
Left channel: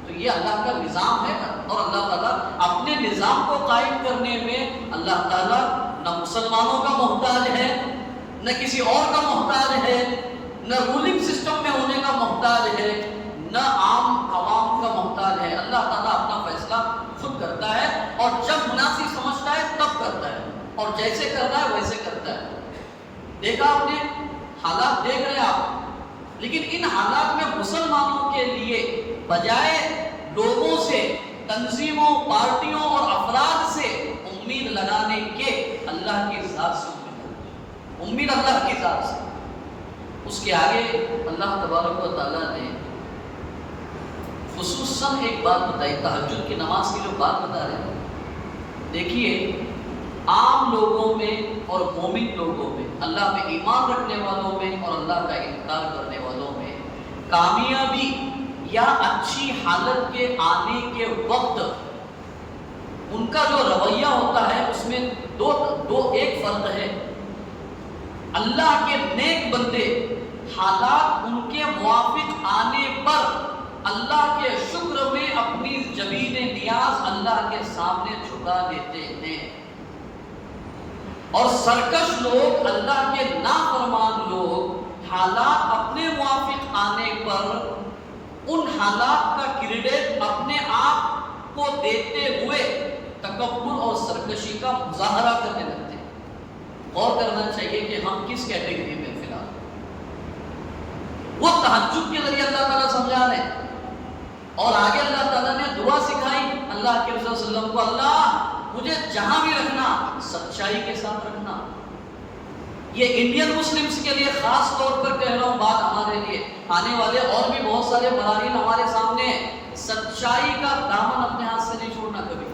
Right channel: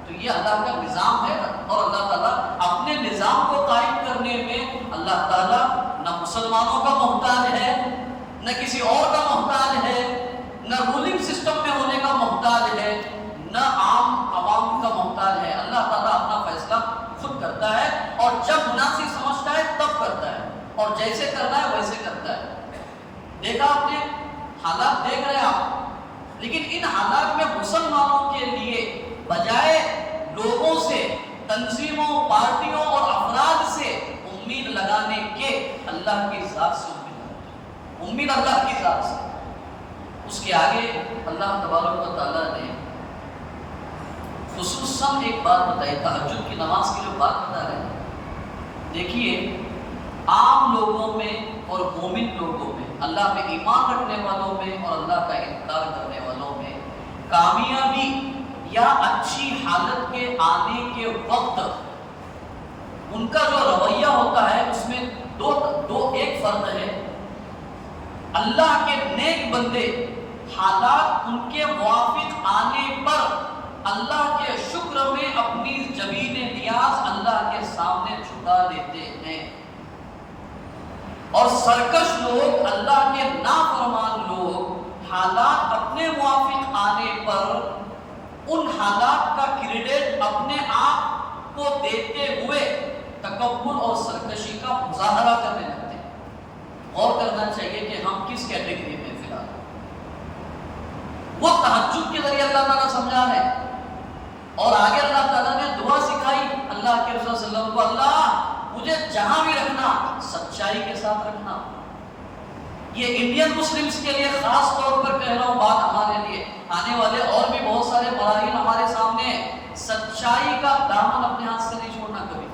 تو یہ اللہ کا نظام ہے، اور اللہ تعالیٰ اپنے نظام کو قائم کرنے میں اللہ تعالیٰ نہ مسلمانوں کا محتاج ہے، نہ کسی اور کا محتاج ہے، نہ رولنگ سسٹم میں ہونے کا محتاج ہے، نہ عام عوام کا محتاج ہے۔ اللہ تعالیٰ اپنا فیصلہ خود کرتا ہے، اور جب مناسب سمجھتا ہے تب کرتا ہے، اور جیسے کرنا ہے ویسے کرتا ہے۔ دیکھا آپ نے، حالات دیکھ رہے ہیں آپ، لیکن ان حالات میں مسلمانوں کے لیے بجائے لوگوں سے، تنظیموں، پارٹیوں اور افراد سے امید لگانے کے اللہ کی ذات سے امید اللہ کی ذات سے۔ اس کے آگے اللہ تبارک و تعالیٰ نے خصوصاً ایک بات بتائی، تہجد کی نماز کی جو بات بتا رہے ہیں، دیکھیے عام لوگوں میں اور مومن لوگوں میں، اللہ پہ ایمان رکھنے والوں میں اور اللہ کا انکار کرنے والوں میں کامیابی یا اچھی حالت کے آنے کے وقت ان کا جو رویہ ہوتا ہے اس میں ایک فرق ہے۔ اللہ کے نیک بندے حالات ان کے موافق آنے پر اللہ کے شکر میں اپنی جبین نیاز اللہ کے سامنے جھکا لیتے ہیں، اور سرکش لوگ، اللہ کے نافرمان لوگ حالات اپنے موافق آنے پر ان حالات کا کریڈٹ اپنے آپ کو دیتے ہوئے تکبر اور سرکشی کا مظاہرہ کرنے لگتے ہیں۔ غور کرنا چاہیے کہ ہم کس کیٹیگری میں فی الحال۔ وہ تہجد کے ذریعے اللہ تعالیٰ سمجھا رہے ہیں، اور آگے اللہ تعالیٰ نے دعا سکھائی اللہ کے رسول صلی اللہ علیہ وسلم کو، اللہ مجھے جہاں بھی رکھنا سچائی کے ساتھ رکھنا۔ یہ انڈین مسلمز کے لیے خاص طور پر کہہ رہا ہوں بات، ہمارے لیے آنے والے اور بھی بہت سارے مراحل ہمارے سامنے ہیں۔ سچائی کا دامن اپنے ہاتھ سے نہیں چھوڑنا کبھی۔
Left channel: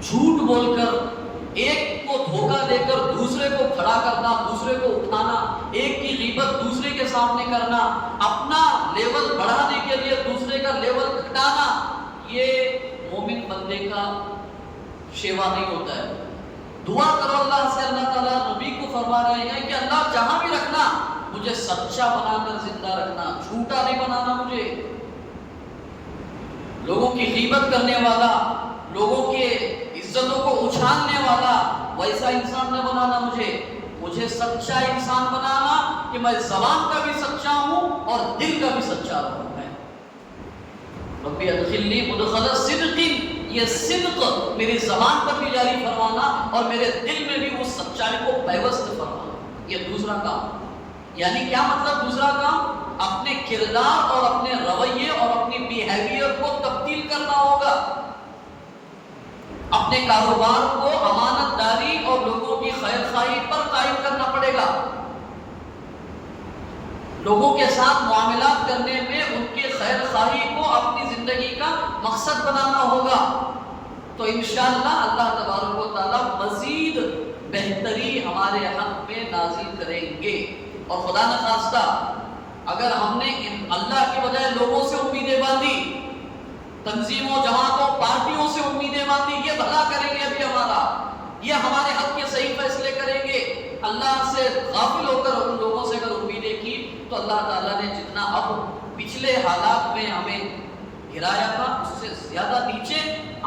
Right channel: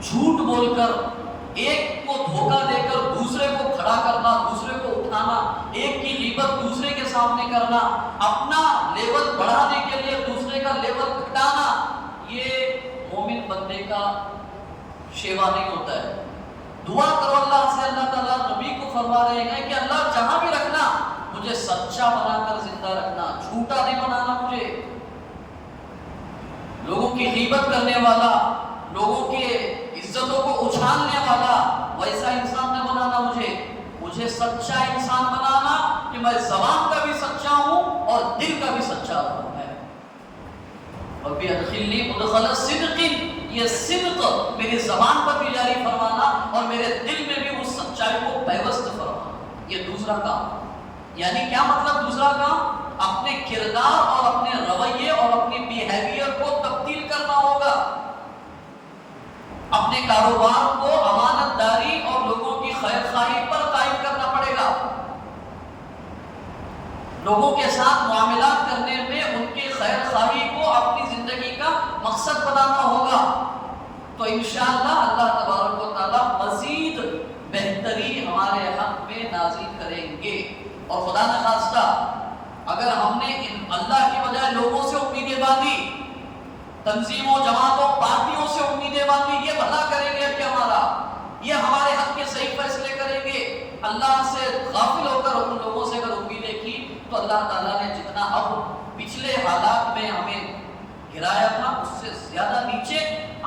جھوٹ بول کر، ایک کو دھوکہ دے کر دوسرے کو کھڑا کرنا، دوسرے کو اٹھانا، ایک کی غیبت دوسرے کے سامنے کرنا، اپنا لیول بڑھانے کے لیے دوسرے کا لیول گھٹانا، یہ مومن بندے کا شیوا نہیں ہوتا ہے۔ دعا کرو اللہ سے، اللہ تعالیٰ نبی کو فرما رہے ہیں کہ اللہ جہاں بھی رکھنا مجھے سچا بنا کر زندہ رکھنا، جھوٹا نہیں بنانا مجھے، لوگوں کی غیبت کرنے والا، لوگوں کے عزتوں کو اچھالنے والا ویسا انسان نہ بنانا مجھے سچا انسان بنانا کہ میں زبان کا بھی سچا ہوں اور دل کا بھی سچا ہوں۔ ربی ادخلنی مدخل صدق، یہ صدق میری زبان پر بھی جاری فرمانا اور میرے دل میں بھی اس سچائی کو پیوست فرمانا، یہ دوسرا کام۔ یعنی کیا مطلب دوسرا کام؟ اپنے کردار اور اپنے رویے اور اپنی بیہیویئر کو تبدیل کرنا ہوگا، اپنے کاروبار کو امانت داری اور لوگوں کی خیر خواہی پر قائم کرنا پڑے گا، لوگوں کے ساتھ معاملات کرنے میں ان کی خیر خواہی کو اپنی زندگی کا مقصد بنانا ہوگا، تو انشاءاللہ اللہ تبارک و تعالیٰ مزید بہتری ہمارے حق میں نازل کریں گے۔ اور خدا نخواستہ اگر ہم نے اللہ کے بجائے لوگوں سے امیدیں باندھی، تنظیموں، جماعتوں، پارٹیوں سے امیدیں باندھی، یہ بھلا کریں گے ابھی ہمارا، یہ ہمارے حق کے صحیح فیصلے کریں گے، اللہ سے غافل ہو کر ان لوگوں سے اگر امیدیں کی تو اللہ تعالیٰ نے جتنا اب پچھلے حالات میں ہمیں گرایا تھا اس سے زیادہ نیچے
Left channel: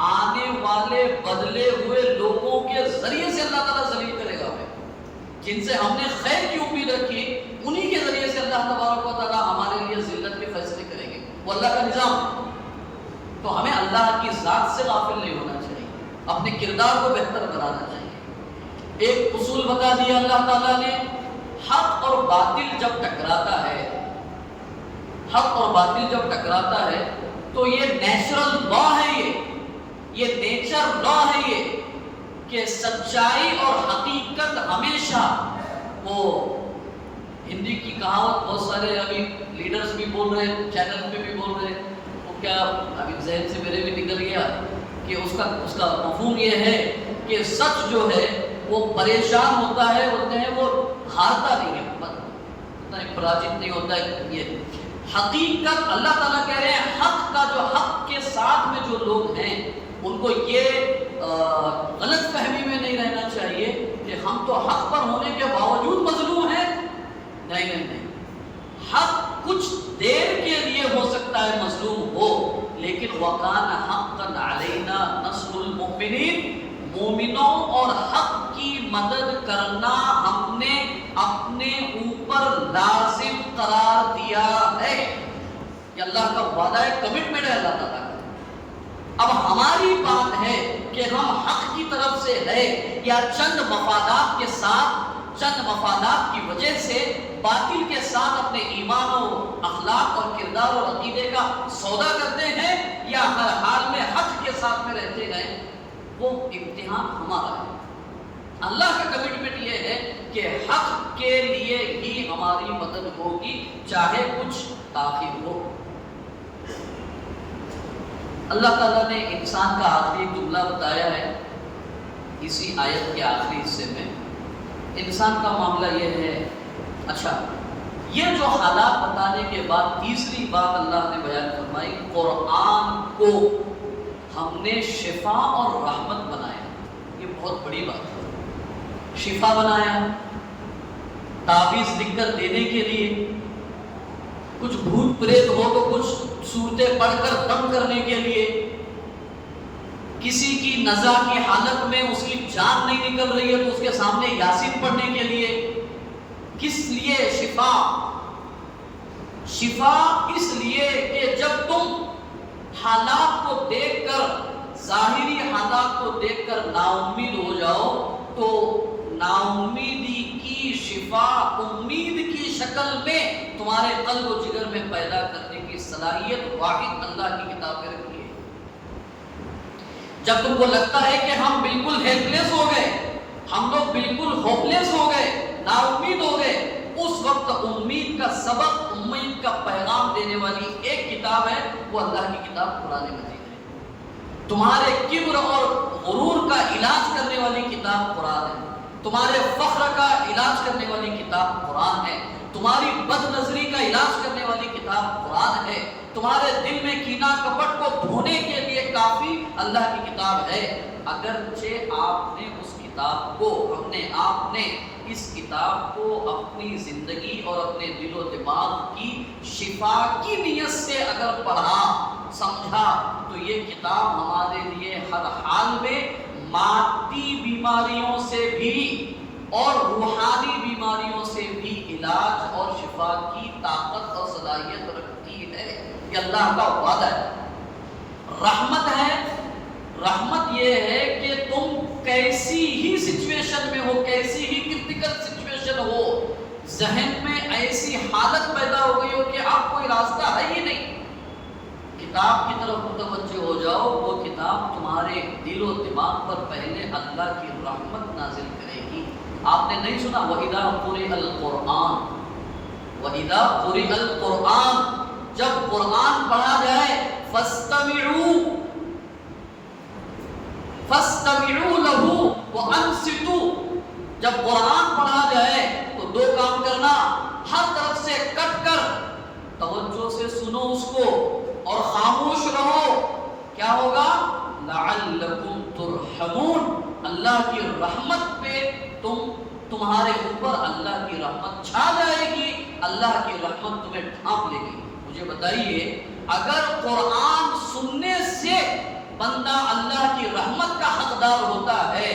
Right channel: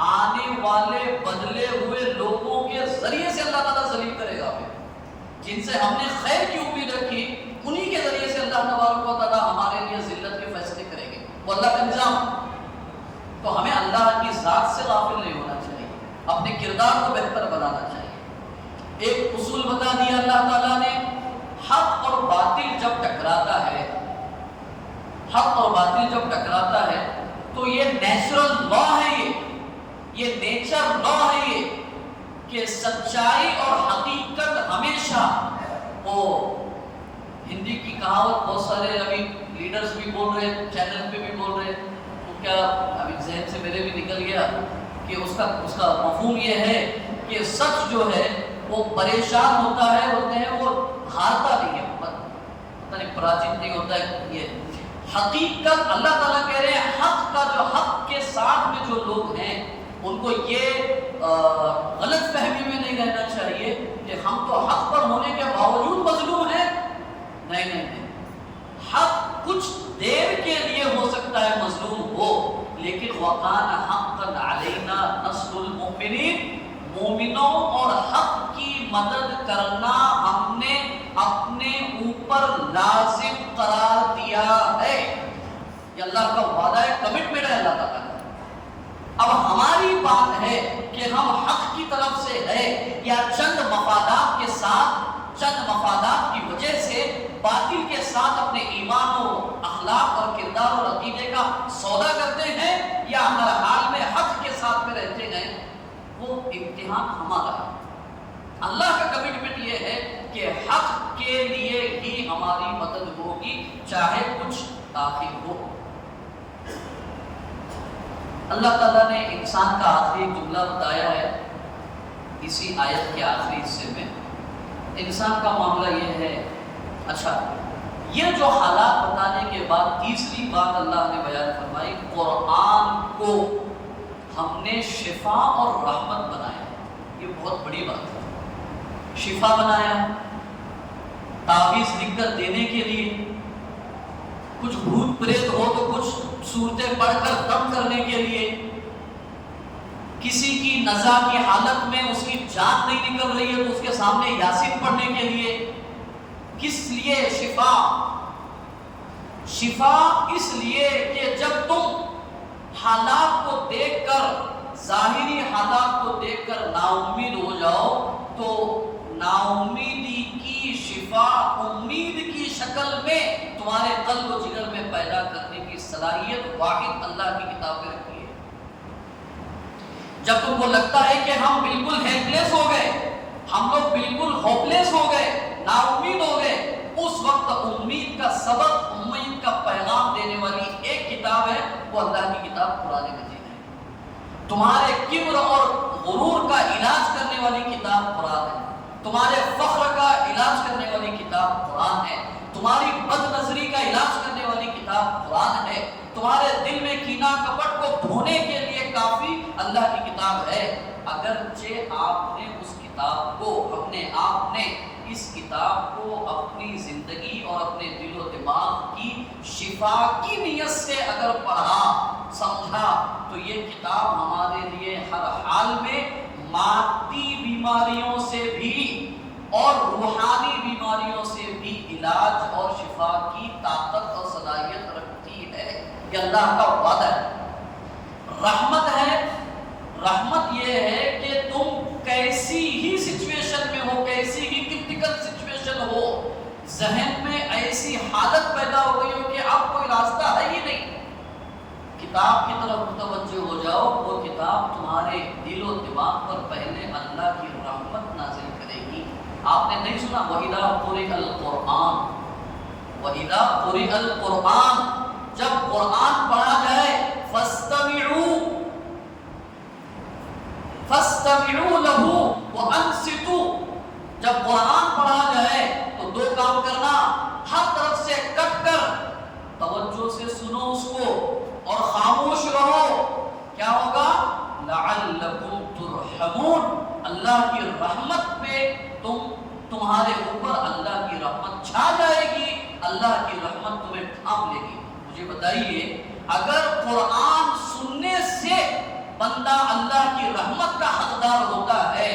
آنے والے بدلے ہوئے لوگوں کے ذریعے سے اللہ تعالیٰ ذلیل کرے گا ہمیں، جن سے ہم نے خیر کی امید رکھی انہی کے ذریعے سے اللہ تبارک و تعالیٰ ہمارے لیے ذلت کے فیصلے کریں گے، وہ اللہ کا نظام۔ تو ہمیں اللہ کی ذات سے غافل نہیں ہونا چاہیے، اپنے کردار کو بہتر بنانا چاہیے۔ ایک اصول بتا دیا اللہ تعالیٰ نے، حق اور باطل جب ٹکراتا ہے، حق اور باطل جب ٹکراتا ہے تو یہ نیچرل لا ہے، یہ نیچر لا ہے یہ کہ سچائی اور حقیقت ہمیشہ، وہ ہندی کی کہاوت بہت سارے ابھی لیڈرز بھی بول رہے ہیں، چینل پہ بھی بول رہے ہیں، وہ کیا ابھی ذہن سے میرے بھی نکل گیا کہ اس کا مفہوم یہ ہے کہ سچ جو ہے وہ پریشان ہوتا ہے، بولتے ہیں وہ ہارتا نہیں ہے، پتہ نہیں پراجت نہیں ہوتا ہے۔ یہ حقیقت اللہ تعالیٰ کہہ رہے ہیں، حق کا جو حق کے ساتھ میں جو لوگ ہیں ان کو یہ غلط فہمی میں نہیں رہنا چاہیے کہ ہم تو حق پر ہونے کے باوجود مظلوم ہیں، نہیں نہیں نہیں، حق کچھ دیر کے لیے ہو سکتا ہے مظلوم ہو، لیکن وَقَانَ حَقًّا عَلَيْنَا نَصْرُ الْمُؤْمِنِينَ، مومنوں اور حق کی مدد کرنا ہم نے اپنے اوپر لازم قرار دیا ہے، یہ اللہ کا وعدہ ہے، کمٹمنٹ ہے اللہ تعالیٰ کا۔ اب ہماری بات ہے کہ ہم حق کی طرف سے ہے یا چند مفادات کے ساتھ، چند مفادات کی وجہ سے باطل کے ساتھ اپنے ایمان و اخلاق اور کردار اور عقیدے کا سودا کرتے ہیں، یا ہر حال میں حق کے ساتھ میں رہتے ہیں، وہ امتحان ہمارا ہے۔ اللہ کا کمٹمنٹ یہ ہے کہ حق کے لیے ہی ہماری مدد ہوگی، چاہے کچھ تاخیر ہو۔ اللہ تعالیٰ نے انسان کا آخری ایک جملہ بتایا ہے اسی آیت کے آخری حصے میں انسان کا معاملہ یہ ہے. اچھا، یہ جو حالات بتانے کے بعد تیسری بات اللہ نے بیان فرمائی، قرآن کو ہم نے شفا اور رحمت بنایا. یہ بہت بڑی بات ہے. شفا بنایا تعویذ لکھ کر دینے کے لیے، کچھ بھوت پریت ہو تو کچھ صورتیں پڑھ کر دم کرنے کے لیے، کسی کی نزا کی حالت میں اس کی جان نہیں نکل رہی ہے تو اس کے سامنے یاسین پڑھنے کے لیے. کس لیے شفا؟ شفا اس لیے کہ جب تم حالات کو دیکھ کر، ظاہری حالات کو دیکھ کر نا امید ہو جاؤ تو نا امیدی کی شفا امید کی شکل میں تمہارے قلب و جگر میں پیدا کرنے کی صلاحیت واحد اللہ کی کتاب میں رکھی ہے. جب تم کو لگتا ہے کہ ہم بالکل ہیلپ لیس ہو گئے، ہم لوگ بالکل ہوپ لیس ہو گئے، نا امید ہو گئے، اس وقت امید کا سبق، امید کا پیغام دینے والی ایک کتاب ہے، وہ اللہ کی کتاب قرآن مجید ہے. تمہارے کبر اور غرور کا علاج کرنے والی کتاب قرآن ہے. تمہارے فخر کا علاج کرنے والی کتاب قرآن ہے. تمہاری بد نظری کا علاج کرنے والی کتاب قرآن ہے. تمہارے دل میں کینہ کپٹ کو دھونے کے لیے کافی اللہ کی کتاب ہے. اگرچہ آپ نے اس کتاب کو، آپ نے اس کتاب کو اپنی زندگی اور اپنے دل و دماغ کی شفا کی نیت سے اگر پڑھا، سمجھا، تو یہ کتاب ہمارے لیے ہر حال میں مادی بیماریوں سے بھی اور روحانی بیماریوں سے بھی علاج اور شفا کی طاقت اور صلاحیت رکھتی ہے. یہ اللہ کا وعدہ ہے. رحمت ہے. رحمت یہ ہے کہ تم کیسی ہی سچویشن میں ہو، کیسی ہی کرٹیکل سچویشن ہو، ذہن میں ایسی حالت پیدا ہو گئی ہو کہ اب کوئی راستہ ہے ہی نہیں، کتاب کی طرف متوجہ ہو جاؤ. وہ کتاب تمہارے دل و دماغ پر پہلے اللہ کی رحمت نازل کرے گی. آپ نے نہیں سنا وَإِذَا قُرِئَ الْقُرْآنُ، وَإِذَا قُرِئَ الْقُرْآنُ، جب قرآن پڑھا جائے فَاسْتَمِعُوا لَهُ وَأَنصِتُوا، جب قرآن پڑھا جائے تو دو کام کرنا، ہر طرف سے کٹ کر توجہ سے سنو اس کو اور خاموش رہو. کیا ہوگا؟ لَعَلَّكُمْ تُرْحَمُونَ، اللہ کی رحمت پہ تمہارے اوپر اللہ کی رحمت چھا جائے گی، اللہ کی رحمت تمہیں ڈھانپ لے گی. مجھے بتائیے، اگر قرآن سننے سے بندہ اللہ کی رحمت کا حقدار ہوتا ہے،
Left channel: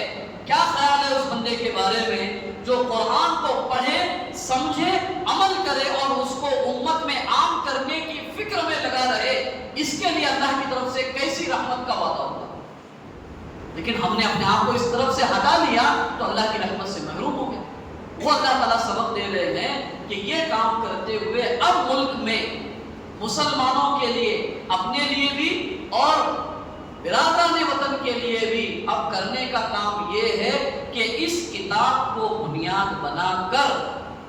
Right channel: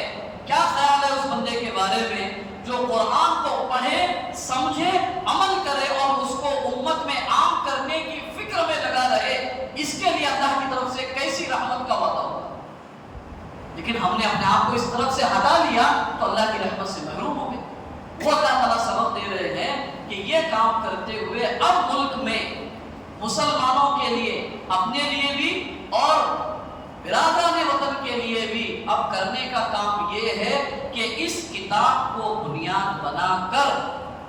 کیا خیال ہے اس بندے کے بارے میں جو قرآن کو پڑھے، سمجھے، عمل کرے اور اس کو امت میں عام کرنے کی فکر میں لگا رہے؟ اس کے لیے اللہ کی طرف سے کیسی رحمت کا وعدہ ہوگا. لیکن ہم نے اپنے آپ کو اس طرف سے ہٹا لیا تو اللہ کی رحمت سے محروم ہو گئے. وہ اللہ تعالیٰ سبق دے رہے ہیں کہ یہ کام کرتے ہوئے اب ملک میں مسلمانوں کے لیے، اپنے لیے بھی اور برادران وطن کے لیے بھی اب کرنے کا کام یہ ہے کہ اس کتاب کو بنیاد بنا کر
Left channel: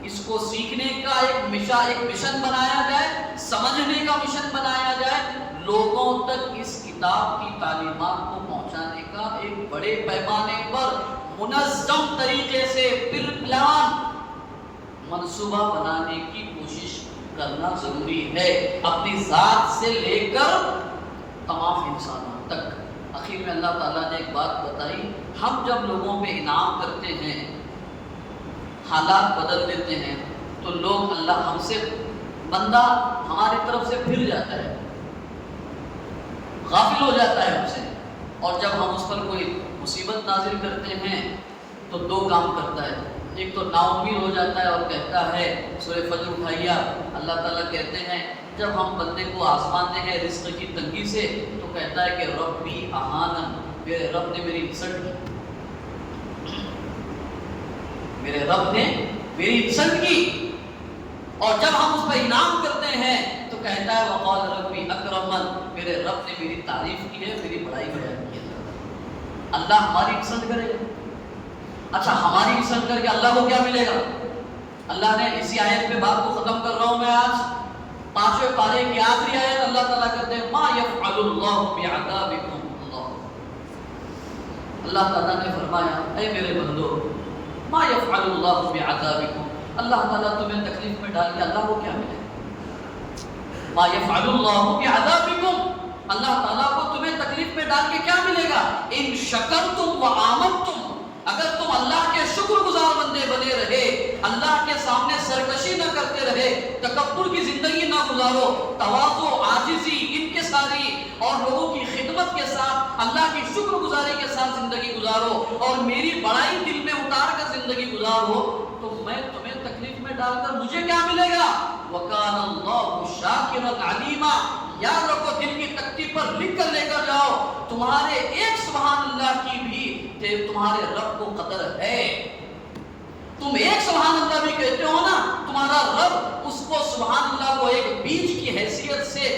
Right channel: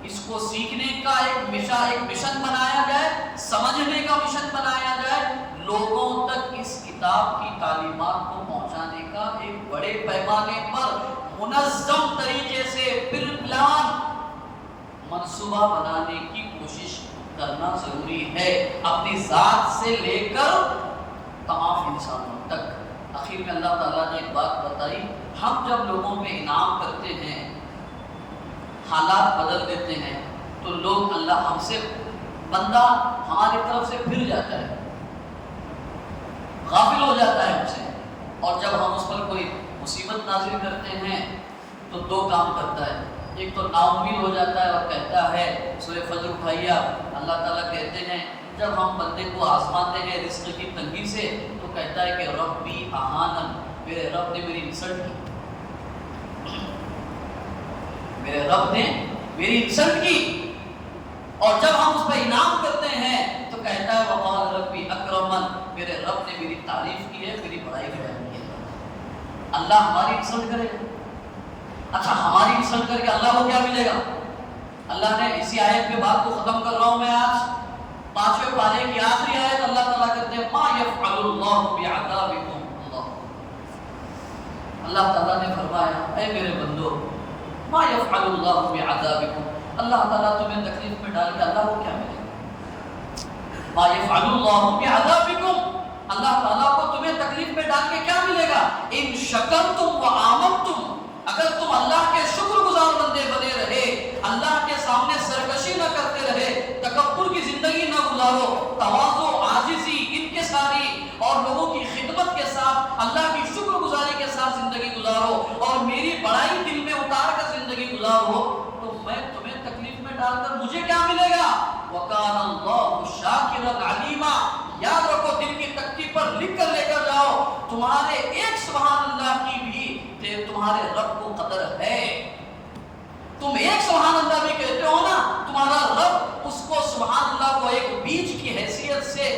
اس کو سیکھنے کا ایک مشن بنایا جائے، سمجھنے کا مشن بنایا جائے، لوگوں تک اس کتاب کی تعلیمات کو پہنچانے کا ایک بڑے پیمانے پر منظم طریقے سے پلان منصوبہ بنانے کی کوشش کرنا ضروری ہے، اپنی ذات سے لے کر تمام انسانوں تک. آخر میں اللہ تعالیٰ نے ایک بات بتائی، ہم جب لوگوں پہ انعام کرتے ہیں، حالات بدل دیتے ہیں تو لوگ، اللہ ہم سے، بندہ ہماری طرف سے پھر جاتا ہے، غافل ہو جاتا ہے ہم سے. اور جب ہم اس پر کوئی مصیبت نازل کرتے ہیں تو دو کام کرتا ہے. ایک تو نا امید ہو جاتا ہے اور کہتا ہے، سورہ فجر اٹھائیے، اللہ تعالیٰ کہتے ہیں جب ہم بندے کو آزماتے ہیں رزق کی تنگی سے تو کہتا ہے کہ ربی اہانن، میرے رب نے میری انسلٹ کی، میرے رب نے میری انسلٹ کی. اور جب ہم اس پہ انعام کرتے ہیں تو کہتا ہے وقال ربی اکرمن، میرے رب نے میری تعریف کی ہے، میری بڑائی بیان کی ہے. اللہ ہماری انسلٹ کرے گا؟ اچھا، ہماری انسلٹ کر کے اللہ کو کیا ملے گا؟ اللہ نے اسی آیت میں بات کو ختم کر رہا ہوں میں آج، 5ویں پارے کی آخری آیت اللہ تعالیٰ کہتے ہیں ما یفعل اللہ بعذابکم، اللہ اللہ تعالیٰ نے فرمایا اے میرے بندو ما یفعل اللہ بعذابکم، اللہ تعالیٰ تمہیں تکلیف میں ڈال کے اللہ کو کیا ملے گا؟ ما یفعل اللہ بعذابکم، اللہ تعالیٰ کو تمہیں تکلیف میں ڈال کے کیا ملے گا؟ ان شکرتم و آمنتم، اگر تم اللہ کے شکر گزار بندے بنے رہے، اللہ کے سامنے سرکشی نہ کرتے رہے، تکبر کی زندگی نہ گزارو، تواضع، عاجزی، انکساری اور لوگوں کی خدمت کے ساتھ اللہ کی شکر گزاری کے ساتھ زندگی گزارو اور میری بڑائی دل میں اتار کر زندگی گزارو، تو میں تمہیں تکلیف میں ڈال کر مجھے کیا ملے گا؟ وَكَانَ اللَّهُ شَاكِرًا عَلِيمًا، یاد رکھو، دل کی تختی پر لکھ کر لے کر جاؤ، تمہارے ایک سبحان اللہ کی بھی تمہارے رب کو قدر ہے۔ تم ایک سبحان اللہ بھی کہتے ہو نا، تمہارا رب اس کو سبحان اللہ کو ایک بیج کی حیثیت سے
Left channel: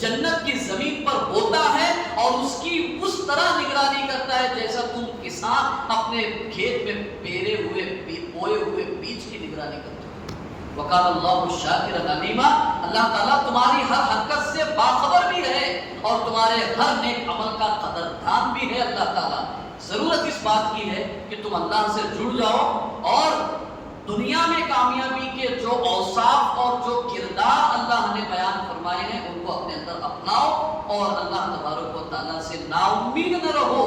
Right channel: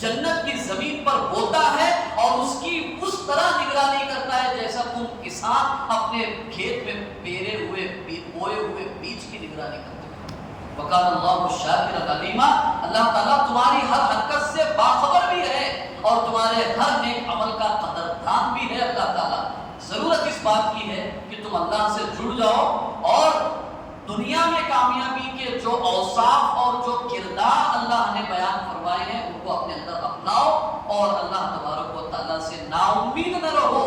جنت کی زمین پر بوتا ہے اور اس کی اس طرح نگرانی کرتا ہے جیسا تم کسان اپنے کھیت میں بوئے ہوئے بیج کی نگرانی کرتے ہو۔ وَقَالَ اللَّهُ شَاكِرًا عَلِيمًا، اللہ تعالیٰ تمہاری ہر حرکت سے باخبر بھی ہے اور تمہارے ہر نیک عمل کا قدردان بھی ہے۔ اللہ تعالیٰ ضرورت اس بات کی ہے کہ تم اللہ سے جڑ جاؤ اور دنیا میں کامیابی کے جو اوصاف اور جو کردار اللہ نے بیان فرمائے ہیں ان کو اپنے اندر اپناؤ اور اللہ تبارک و تعالیٰ سے نا امید نہ رہو،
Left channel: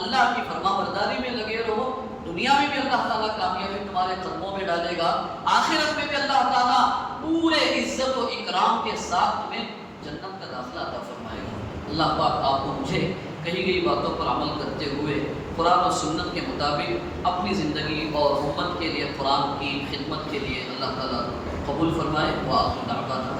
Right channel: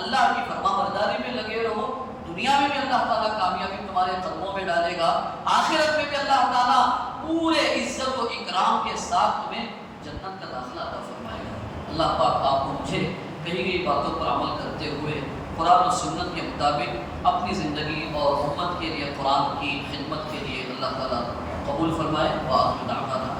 اللہ کی فرما برداری میں لگے رہو۔ دنیا میں بھی اللہ تعالیٰ کامیابی تمہارے قدموں میں ڈالے گا، آخرت میں بھی اللہ تعالیٰ پورے عزت و اکرام کے ساتھ تمہیں جنت کا داخلہ عطا فرمائے گا۔ اللہ پاک آپ کو مجھے کہی گئی باتوں پر عمل کرتے ہوئے قرآن و سنت کے مطابق اپنی زندگی اور امت کے لیے قرآن کی خدمت کے لیے اللہ تعالیٰ قبول فرمائے۔ وآخر دعوانا